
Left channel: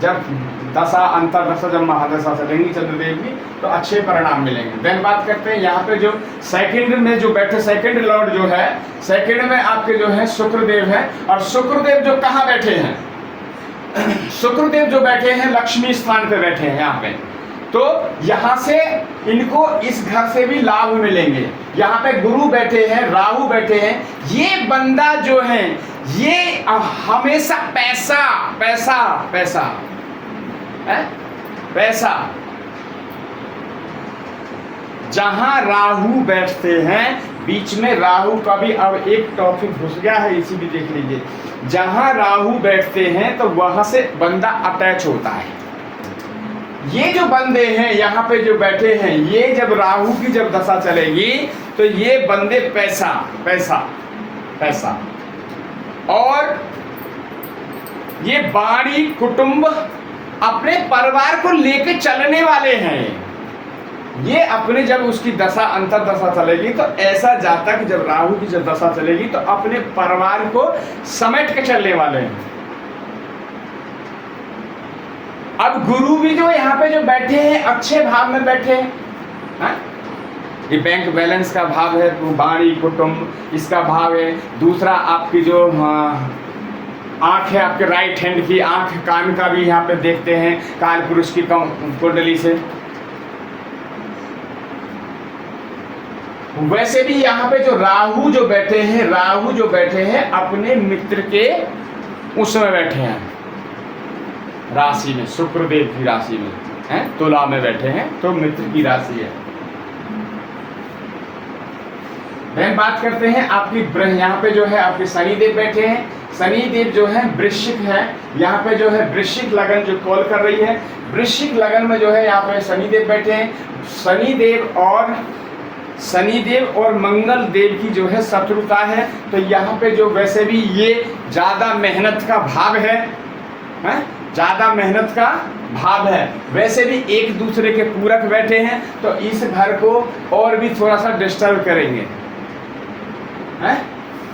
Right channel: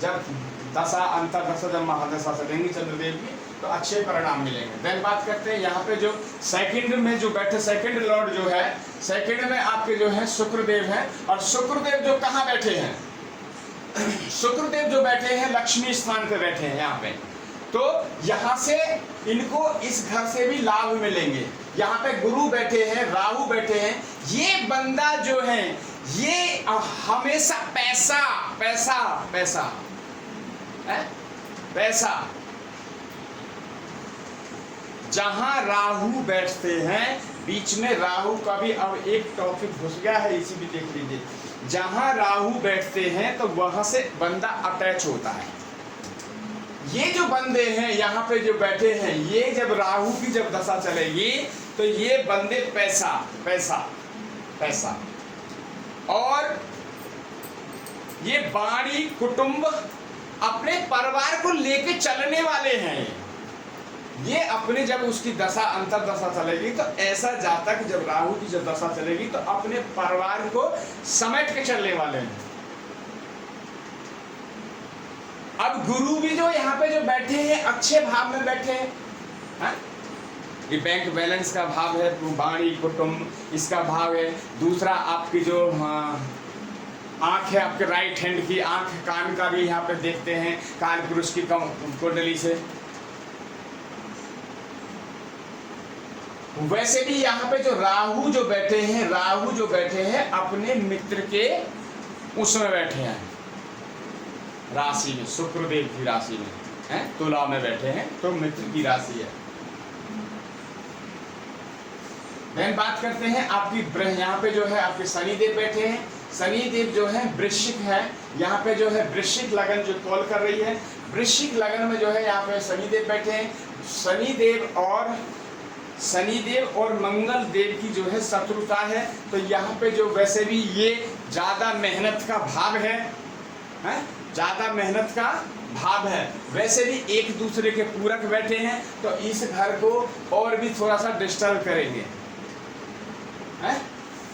जब दशा अंतरदशा, जब महादशा चलेंगी चंद्रदेव की तो अच्छे परिणाम मिलेंगे। देन बात करते हैं यहाँ पे जो सेकंड में जो बैठे, सेकंड लॉर्ड जो है, सेकंड में आपके जो है शुक्रदेव है और शुक्रदेव जो कहाँ बैठे हैं, शुक्रदेव जो बैठे हैं लक्ष्मी स्थान पे बैठे हैं यहाँ पे। तो यहाँ से इनको इस घर से भी लाभ मिलेंगे। यहाँ पे गुरु बैठे हैं, राहु बैठे हैं। ये बंदा जो है ये हमेशा पैसा पैसा पैसा है, पैसा। जहां राहु बैठते हैं, बीच में राहु का भी अब एक टॉपिक घुस गया है, इसी भी देख लीजिए। जहां राहु बैठते हैं तो वहां से बंदा अटैच होता है। ये जो बंदे हैं यहाँ पे जो बैठे हैं, ये जब राहु की जब दशा चलेगी तो ये बंदे पैसा पैसा पैसा, और ये बाड़ी कुटुंब अपने परिवार को लेके चलने वाले हैं। ये अपने जब उसकी दशा अंतरदशा चलेगी तो ऐसा जातक जब राहु की जब दशा चलेगी तो अपने परिवार को समेट के चलने वाले हैं। अब गुरु भी जो यहाँ पे जो बैठे हैं अच्छे भाव में बैठे हैं, ये बैंक बैलेंस का भाव है, तो बाणी कुटुंब इसका भाव है। दूसरा आपकी जो आंख है, आपके राइट हैंड की आंख, कान का भी यहाँ पे देखते हैं काल पुरुष की कुंडली से। वैसे भी यहाँ पे जो राहु जो बैठे हैं, राहु जो बैठे हैं अपने मित्र के उसमें बैठे हैं, राशि में, शुक्रदेव की राशि में है, तुला में बैठे हैं, तो मित्र की राशि है। फिर बात करते हैं आपकी, यहाँ पे जो है आपके शनिदेव बैठे हैं। शनिदेव जो है वृश्चिक है, यहाँ पे जो है वृश्चिक लगन जो कॉल कर रही है, वृश्चिक लगन में जो है यहाँ पे शनिदेव बैठे हैं। शनिदेव और मंगल देव की जो है शत्रुता है, तो यहाँ पे जो वैसे भी ये ज़्यादा मेहनत का भाव है, ज्यादा मेहनत का भाव है। वैसे भी एक दूसरे के पूरक बैठे हैं तो इस घर को और भी थोड़ा सा डिस्टर्ब करेंगे, हैं?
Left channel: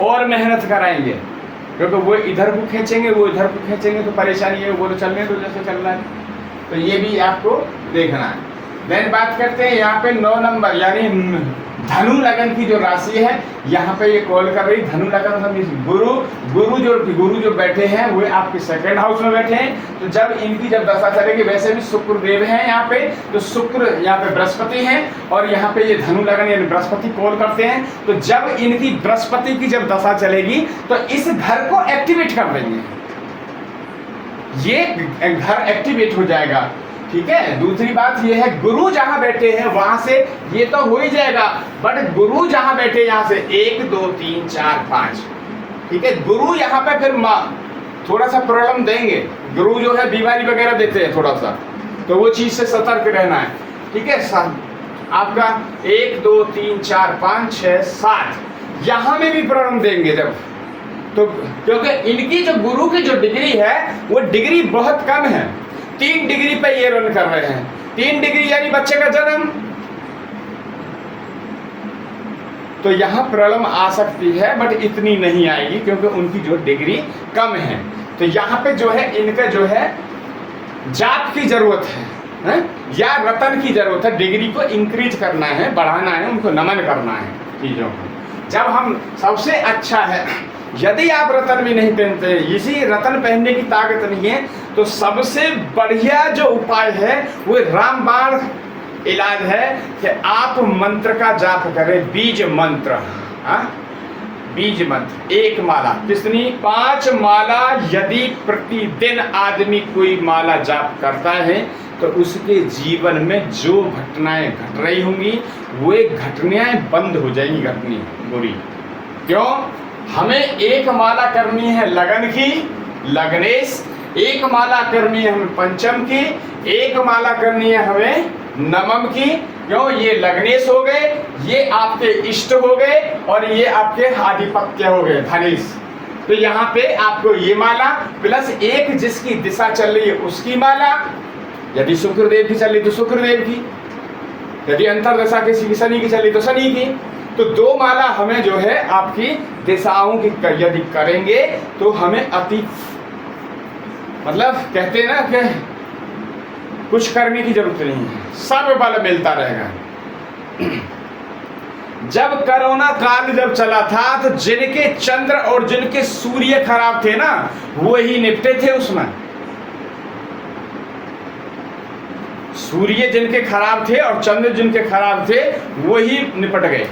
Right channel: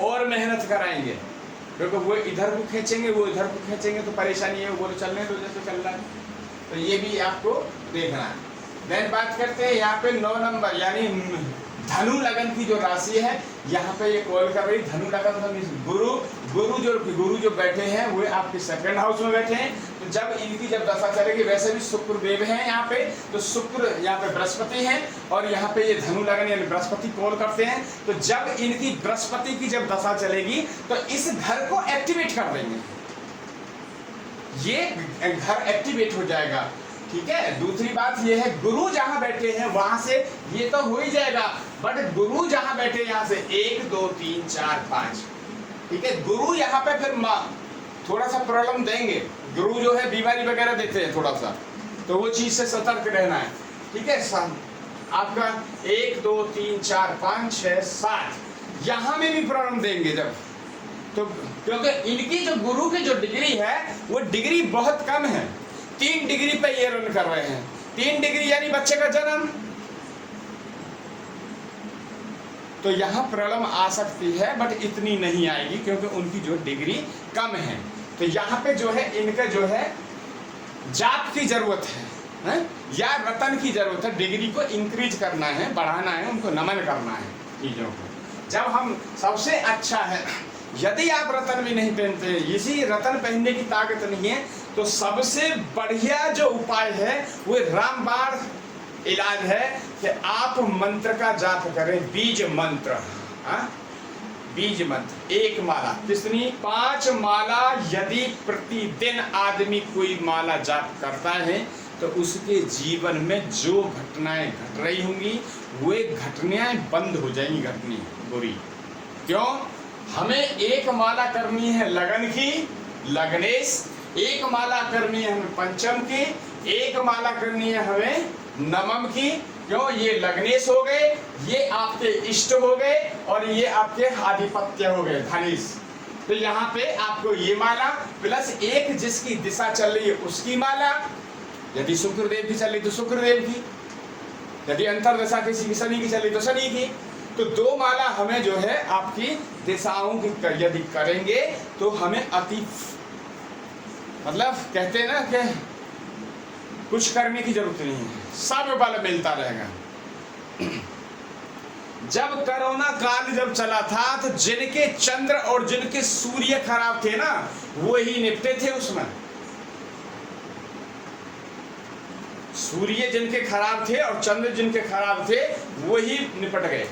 और मेहनत कराएंगे, क्योंकि वो इधर को खींचेंगे, वो इधर को खींचेंगे, तो परेशानी है, वो तो चलने दो जैसे चल रहा है। तो ये भी आपको देखना है। देन बात करते हैं यहाँ पे 9 नंबर यानी धनु लगन की जो राशि है, यहाँ पे ये कॉल कर रही धनु लगन। हम गुरु जो बैठे हैं वो आपके सेकंड हाउस में बैठे हैं। तो जब इनकी जब दशा चलेगी, वैसे भी शुक्र देव हैं यहाँ पे, तो शुक्र यहाँ पे बृहस्पति हैं और यहाँ पे ये धनु लगन यानी बृहस्पति कॉल करते हैं। तो जब इनकी बृहस्पति की जब दशा चलेगी तो इस घर को एक्टिवेट कर देंगे, ये घर एक्टिवेट हो जाएगा। ठीक है। दूसरी बात ये है, गुरु जहां बैठे हैं वहां से ये तो हो ही जाएगा, बट गुरु जहां बैठे यहां से 1 2 3 4 5, ठीक है। गुरु यहाँ पे फिर थोड़ा सा प्रॉब्लम देंगे। गुरु जो है बीमारी वगैरह देते हैं थोड़ा सा, तो वो चीज से सतर्क रहना है। ठीक है। आपका 1 2 3 4 5 6 7 यहाँ में भी प्रॉब्लम देंगे जब, तो क्योंकि इनकी जो गुरु की जो डिग्री है वो डिग्री बहुत कम है। 3 डिग्री पे ये रन कर रहे हैं। 3 डिग्री यानी बच्चे का जन्म, तो यहां प्रॉब्लम आ सकती है, बट इतनी नहीं आएगी क्योंकि उनकी जो डिग्री कम है। तो यहाँ पे जो है इनका जो है जाप की जरूरत है, या रतन की जरूरत है। डिग्री को इंक्रीज करना है, बढ़ाना है, उनको नमन करना है चीजों को। जब हम सबसे अच्छा है, यदि आप रतन भी नहीं पहनते, इसी रतन पहनने की ताकत नहीं है, तो सबसे बढ़िया जो उपाय है वो रामबाण इलाज है कि आप मंत्र का जाप करें, बीज मंत्र। बीज मंत्र 1 माला, कितनी 5 माला यदि प्रतिदिन आदमी कोई माला जाप करता है तो उसके जीवन में जो घटनाएं घट रही होंगी वो घटनाएं बंद हो जाएंगी, घटनी बुरी। क्यों? हमें 1 माला करनी है लगन की, लगनेश, 1 माला करनी है हमें पंचम की, 1 माला करनी है हमें नवम की। क्यों? ये लगनेश हो गए, ये आपके इष्ट हो गए और ये आपके आधिपत्य हो गए, धनेश। तो यहाँ पे आपको ये माला प्लस 1 जिसकी दिशा चल रही है उसकी माला, यदि शुक्रदेव की चल रही तो शुक्रदेव की, यदि अंतरदशा किसी की शनि की चल रही तो शनि की। तो 2 माला हमें जो है आपकी दिशाओं की यदि करेंगे तो हमें अति, मतलब कहते हैं ना कि कुछ करने की जरूरत नहीं है, सब बल मिलता रहेगा। जब कोरोना काल जब चला था तो जिनके चंद्र और जिनके सूर्य खराब थे ना, वही निपटे थे उसमें। सूर्य जिनके खराब थे और चंद्र जिनके खराब थे वही निपट गए।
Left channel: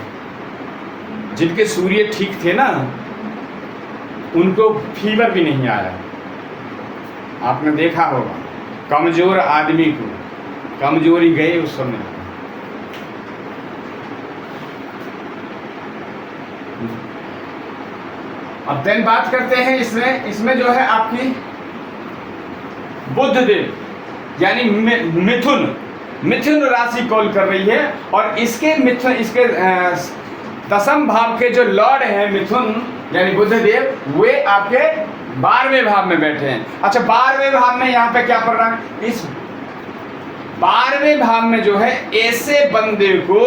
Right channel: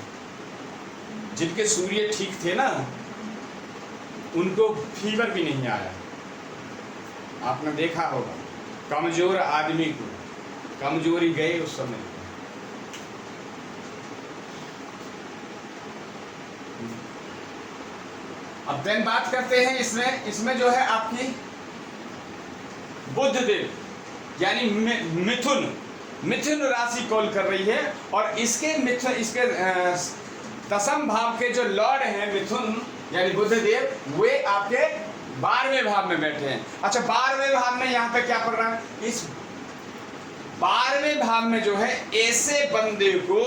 जिनके सूर्य ठीक थे ना उनको फीवर भी नहीं आया। आपने देखा होगा कमजोर आदमी को कमजोरी गए उस समय। अब देन बात करते हैं इसमें जो है आपकी बुध देव यानी मिथुन राशि कॉल कर रही है और इसके दशम भाव के जो लॉर्ड हैं मिथुन यानी बुध देव, वे आपके 12वें भाव में बैठे हैं। अच्छा 12वें भाव में यहाँ पे क्या पड़ रहा है? इस 12वें भाव में जो है ऐसे बंदे को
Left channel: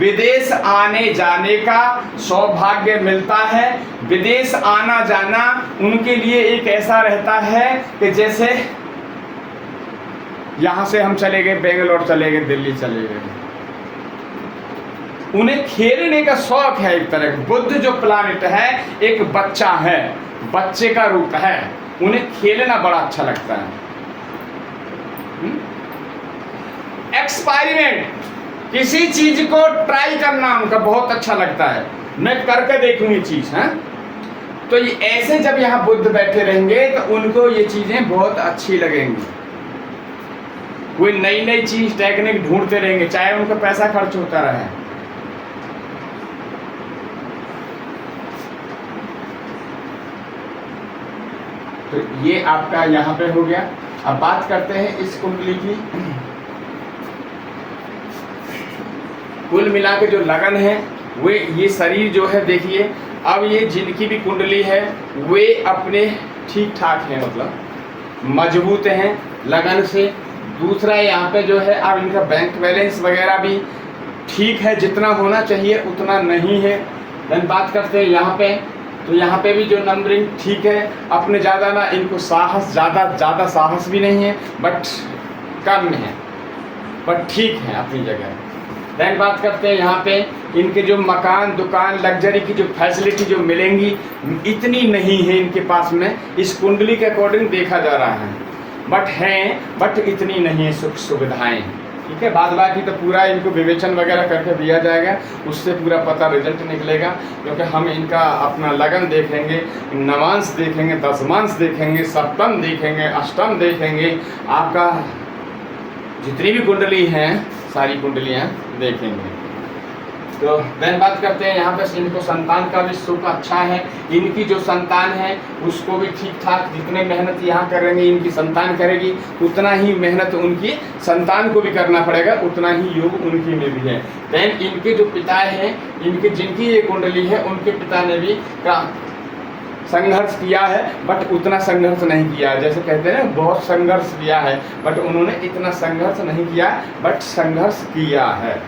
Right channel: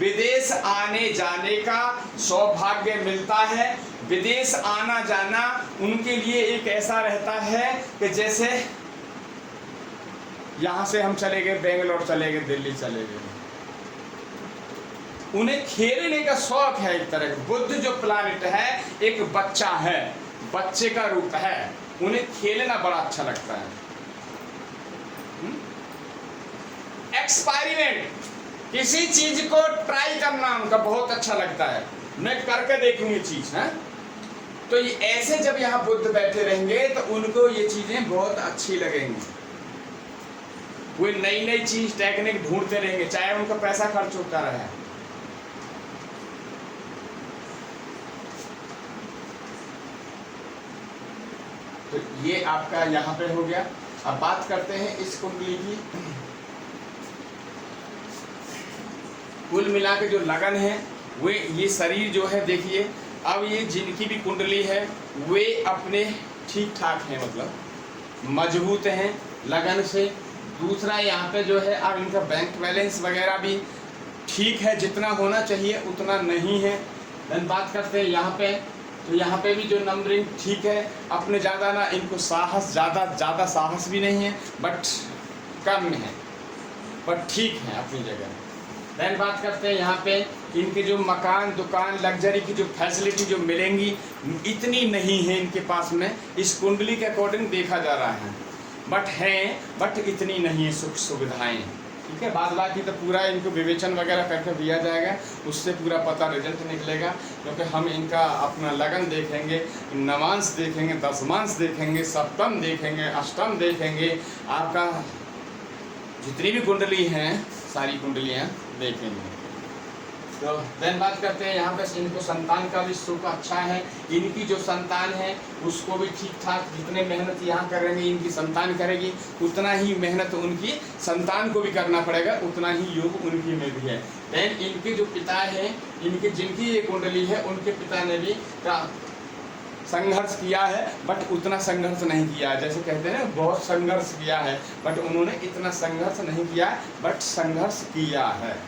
विदेश आने जाने का सौभाग्य मिलता है। विदेश आना जाना उनके लिए एक ऐसा रहता है कि जैसे यहाँ से हम चले गए बेंगलोर चले गए, दिल्ली चले गए। उन्हें खेलने का शौक है एक तरह का। बुध जो प्लानिट है एक बच्चा है, बच्चे का रूप है, उन्हें खेलना बड़ा अच्छा लगता है। एक्सपेरिमेंट, किसी चीज को ट्राई करना उनका बहुत अच्छा लगता है। मैं करके देखूंगी चीज है। तो ये ऐसे जब यहाँ बुध बैठे रहेंगे तो उनको ये चीजें बहुत अच्छी लगेंगी। कोई नई नई चीज टेक्निक ढूंढते रहेंगे, चाहे उनका पैसा खर्च होता रहे। तो ये आपका यहाँ पे हो गया। अब बात करते हैं इस कुंडली की। कुल मिला के जो लगन है वे ये शरीर जो है देखिए, अब ये जिनकी भी कुंडली है वे अपने ठीक ठाक हैं, मतलब मजबूत हैं लगन से। दूसरा यहाँ पे जो है अब इनका बैंक बैलेंस वगैरह भी ठीक है, जितना होना चाहिए उतना नहीं है। देन बात करते हैं यहाँ पे, तो यहाँ पे भी जो नंबरिंग ठीक है, अपने ज़्यादा ना इनको साहस, ज़्यादा साहस भी नहीं है, बट कम है, बट ठीक है अपनी जगह। देन बात करते हैं यहाँ पे इनके जो मकान, दुकान, लग्जरी की जो फैसिलिटी जो मिलेंगी इतनी नहीं है इनके पास में, इस कुंडली के अकॉर्डिंग देखा जा रहा है, बट इतनी नहीं है सुख सुविधाएं। ठीक है, बाद बाकी तो पूरा इनको विवेचन वगैरह करके दिया जाएगा, उससे पूरा पता रिजल्ट निकलेगा, क्योंकि हम इनका अपना लगन देखेंगे, नवांश देखेंगे, दशमांश देखेंगे, सप्तम देखेंगे, अष्टम देखेंगे, आपका जितनी भी कुंडली हैं सारी कुंडलियाँ देखेंगे। तो देन बात करते हैं यहाँ पे इनको संतान का भी सुख अच्छा है, इनकी जो संतान है उसको भी ठीक ठाक, जितने मेहनत यहाँ करेंगे इनकी संतान करेगी, उतना ही मेहनत उनकी संतान को भी करना पड़ेगा, उतना ही योग उनकी में भी है। देन इनके जो पिता हैं, इनके जिनकी ये कुंडली है उनके पिता ने भी संघर्ष किया है, बट उतना संघर्ष नहीं किया है। जैसे कहते हैं ना बहुत संघर्ष किया है, बट उन्होंने इतना संघर्ष नहीं किया, बट संघर्ष किया है।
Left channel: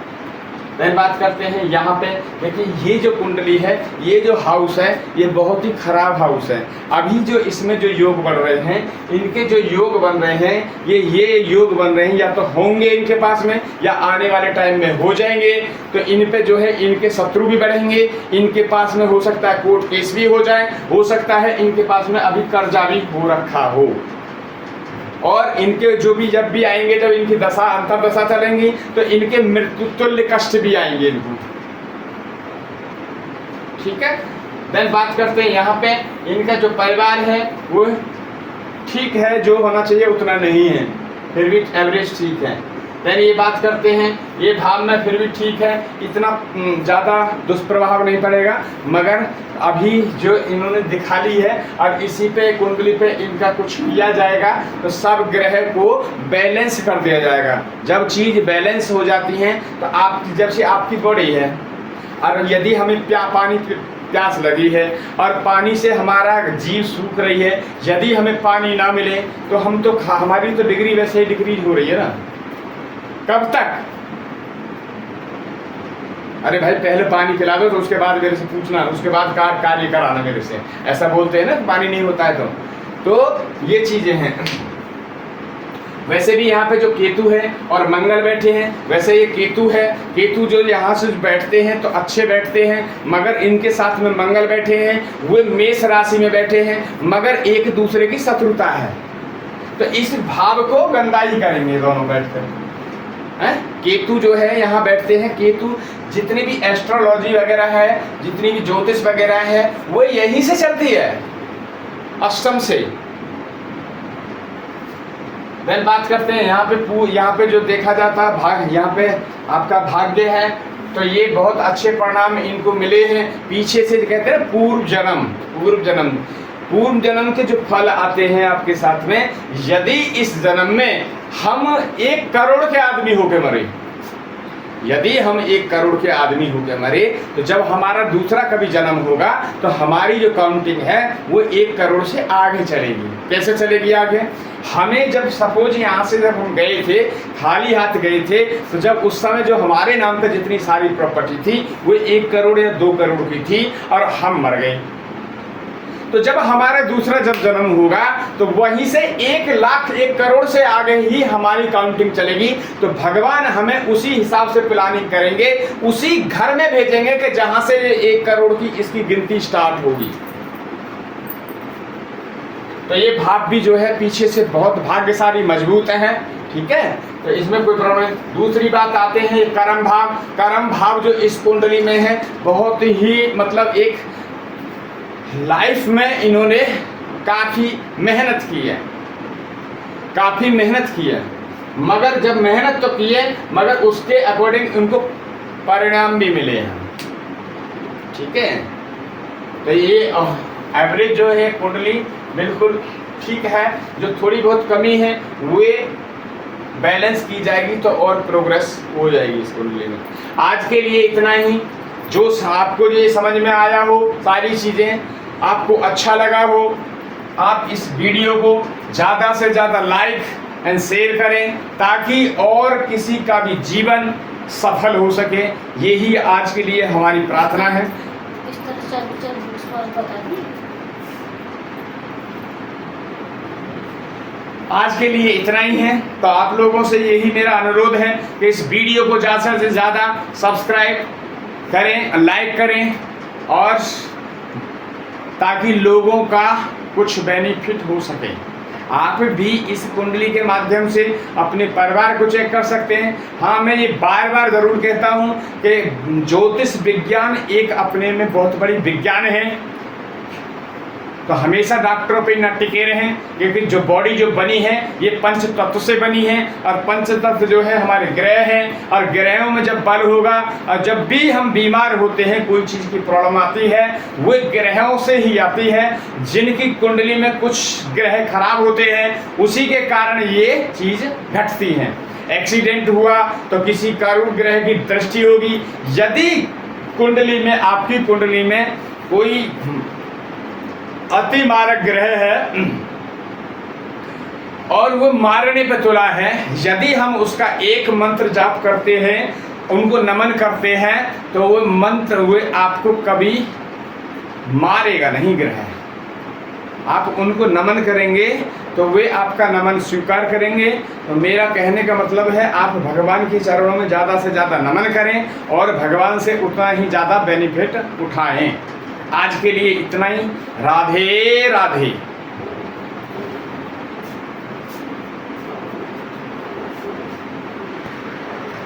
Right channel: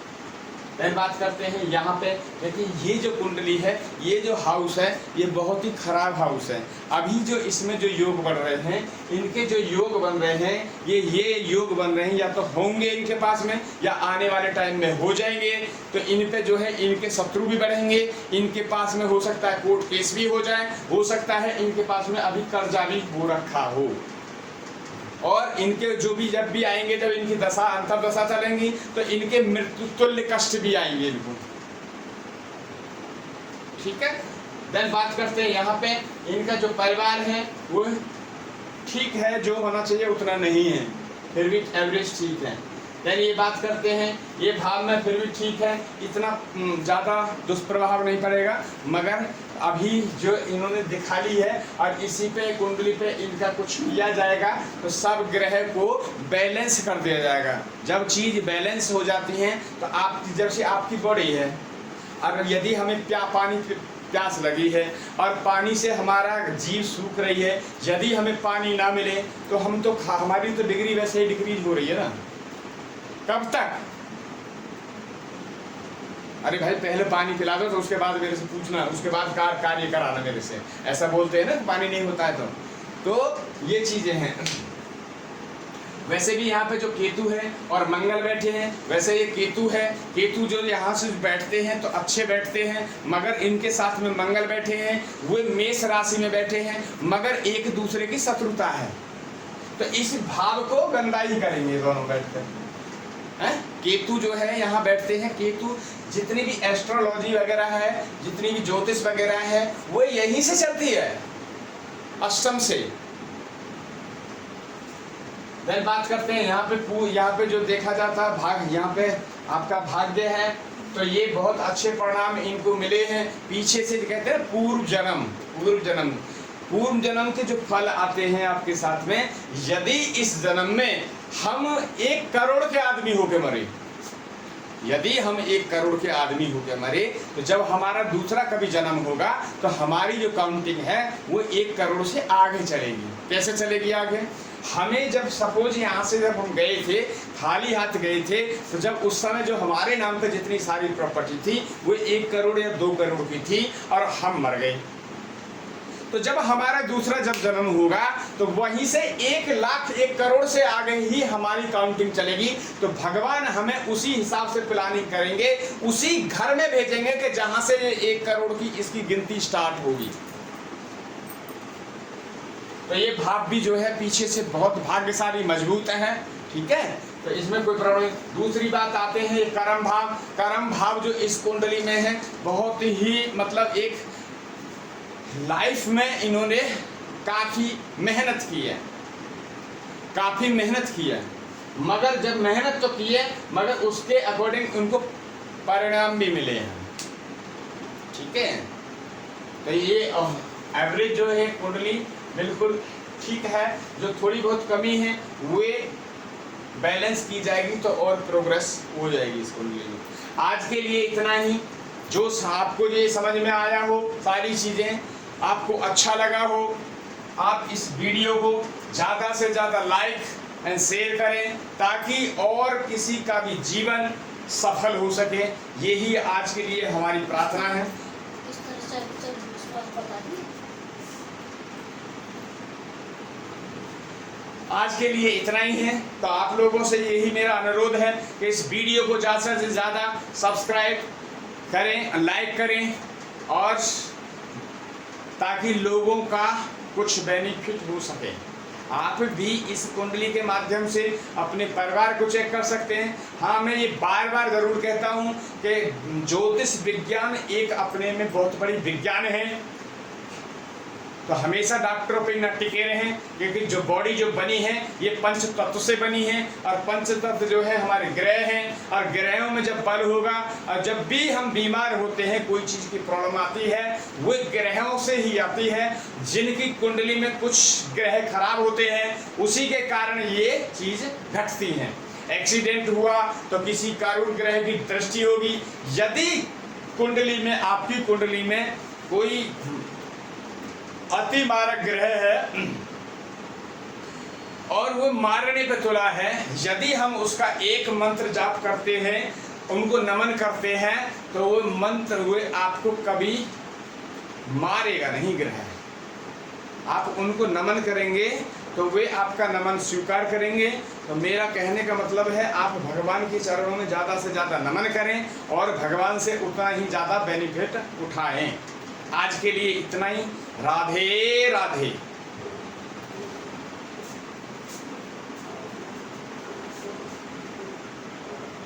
देन बात करते हैं यहाँ पे, देखिए ये जो कुंडली है, ये जो हाउस है, ये बहुत ही खराब हाउस है। अभी जो इसमें जो योग बन रहे हैं, इनके जो योग बन रहे हैं, ये योग बन रहे हैं, या तो होंगे इनके पास में या आने वाले टाइम में हो जाएंगे। तो इन पे जो है इनके शत्रु भी बढ़ेंगे, इनके पास में हो सकता है कोर्ट केस भी हो जाए, हो सकता है इनके पास में अभी कर्जा भी हो रखा हो, और इनके जो भी जब भी आएंगे, जब इनकी दशा अंतर दशा चलेंगी तो इनके मृत्यु तुल्य कष्ट भी आएंगे इनको। ठीक है, देन बात करते हैं यहाँ पे इनका जो परिवार है वो ठीक है, जो होना चाहिए उतना नहीं है, फिर भी एवरेज ठीक है। देन ये बात करते हैं, ये भाव में फिर भी ठीक है, इतना ज़्यादा दुष्प्रभाव नहीं पड़ेगा, मगर अभी जो इन्होंने दिखा ली है, अब इसी पे कुंडली पे इनका कुछ किया जाएगा तो सब ग्रह को बैलेंस कर दिया जाएगा। जब चीज़ बैलेंस हो जाती हैं तो आप जब से आपकी बॉडी है, और यदि हमें पानी प्यास लगी है और पानी से हमारा जीव सूख रही है, यदि हमें पानी ना मिले तो हम तो हमारी तो डिग्री वैसे ही डिक्रीज हो रही है ना। कब तक? अरे भाई पहले पानी पिला दो तो उसके बाद मेरे से पूछना, उसके बाद कार्य कराना मेरे से, ऐसा बोलते हैं ना, पानी नहीं होता है तो ये चीजें हैं। वैसे भी यहाँ पे जो केतु है और मंगल बैठे हैं, वैसे ये केतु है, केतु जो यहाँ से बैठते हैं तो अच्छे बैठते हैं, मगर इनके साथ में मंगल बैठे हैं, वो मेष राशि में बैठे हैं, मगर एक दूसरे की शत्रुता है, तो इस भाव को गंदा ही करेंगे दोनों बैठकर। केतु जो है यहाँ बैठते हैं, केतु जितनी भी एस्ट्रोलॉजी वगैरह है, जितनी भी ज्योतिष वगैरह है, वो यहीं से चलती है, अष्टम से। देन बात करते हैं यहाँ पे जो देखा जाता है भाग, यहाँ पे आपका भाग्य है, तो ये बहुत अच्छे परिणाम इनको मिले हैं। पीछे से कहते हैं पूर्व जन्म के जो फल आते हैं आपके साथ में, यदि इस जन्म में हम 1 करोड़ के आदमी होके मरे, यदि हम 1 करोड़ के आदमी होके मरे, तो जब हमारा दूसरा कभी जन्म होगा तो हमारी जो काउंटिंग है वो 1 करोड़ से आगे चलेगी। कैसे चलेगी आगे? हमें जब सपोज यहाँ से जब हम गए थे, खाली हाथ गए थे, तो जब उस समय जो हमारे नाम पे जितनी सारी प्रॉपर्टी थी वो 1 करोड़ या 2 करोड़ की थी, और हम मर गए, तो जब हमारा दूसरा जब जन्म होगा तो वहीं से 1 लाख 1 करोड़ से आगे ही हमारी काउंटिंग चलेगी। तो भगवान हमें उसी हिसाब से प्लानिंग करेंगे, उसी घर में भेजेंगे कि जहां से 1 करोड़ की इसकी गिनती स्टार्ट होगी। तो ये भाव भी जो है पीछे से बहुत भाग्यशाली मजबूत हैं। ठीक है, तो इसमें कोई प्रॉब्लम नहीं। दूसरी बात आते हैं कर्म भाव। कर्म भाव जो इस कुंडली में है, बहुत ही मतलब एक लाइफ में इन्होंने काफ़ी मेहनत की है, मगर जब मेहनत तो की है, मगर उसके अकॉर्डिंग उनको परिणाम भी मिले हैं। ठीक है, तो ये एवरेज जो है कुंडली बिल्कुल ठीक है। जो थोड़ी बहुत कमी है वो बैलेंस की जाएगी तो और प्रोग्रेस हो जाएगी इस कुंडली में। आज के लिए इतना ही। जो आपको ये समझ में आया हो, सारी चीज़ें आपको अच्छा लगा हो, आप इस वीडियो को ज़्यादा से ज़्यादा लाइक एंड शेयर करें ताकि और किसी का भी जीवन सफल हो सके। यही आज के लिए हमारी प्रार्थना है। इस तरह चल बता दी। आज के लिए इतना ही है। तो आप लोगों से यही मेरा अनुरोध है कि इस वीडियो को ज़्यादा से ज़्यादा सब्सक्राइब करें, लाइक करें, और ताकि लोगों का कुछ बेनिफिट हो सके। आप भी इस कुंडली के माध्यम से अपने परिवार को चेक कर सकते हैं। हाँ, मैं ये बार बार ज़रूर कहता हूँ कि ज्योतिष विज्ञान एक अपने में बहुत बड़ी विज्ञान है। तो हमेशा डॉक्टरों पे न टिके रहें, क्योंकि जो बॉडी जो बनी है ये पंच तत्व से बनी है, और पंच तत्व जो है हमारे ग्रह हैं, और ग्रहों में जब बल होगा, और जब भी हम बीमार होते हैं, कोई चीज़ की प्रॉब्लम आती है, वो ग्रहों से ही आती है। जिनकी कुंडली में कुछ ग्रह खराब होते हैं उसी के कारण ये चीज़ घटती है। एक्सीडेंट हुआ तो किसी करुण ग्रह की दृष्टि होगी। यदि कुंडली में, आपकी कुंडली में कोई अति मारक ग्रह है और वो मारने पे तुला है, यदि हम उसका एक मंत्र जाप करते हैं, उनको नमन करते हैं, तो वो मंत्र हुए आपको कभी मारेगा नहीं ग्रह। आप उनको नमन करेंगे तो वे आपका नमन स्वीकार करेंगे। तो मेरा कहने का मतलब है, आप भगवान के चरणों में ज़्यादा से ज़्यादा नमन करें और भगवान से उतना ही ज़्यादा बेनिफिट उठाएं। आज के लिए इतना ही। राधे राधे।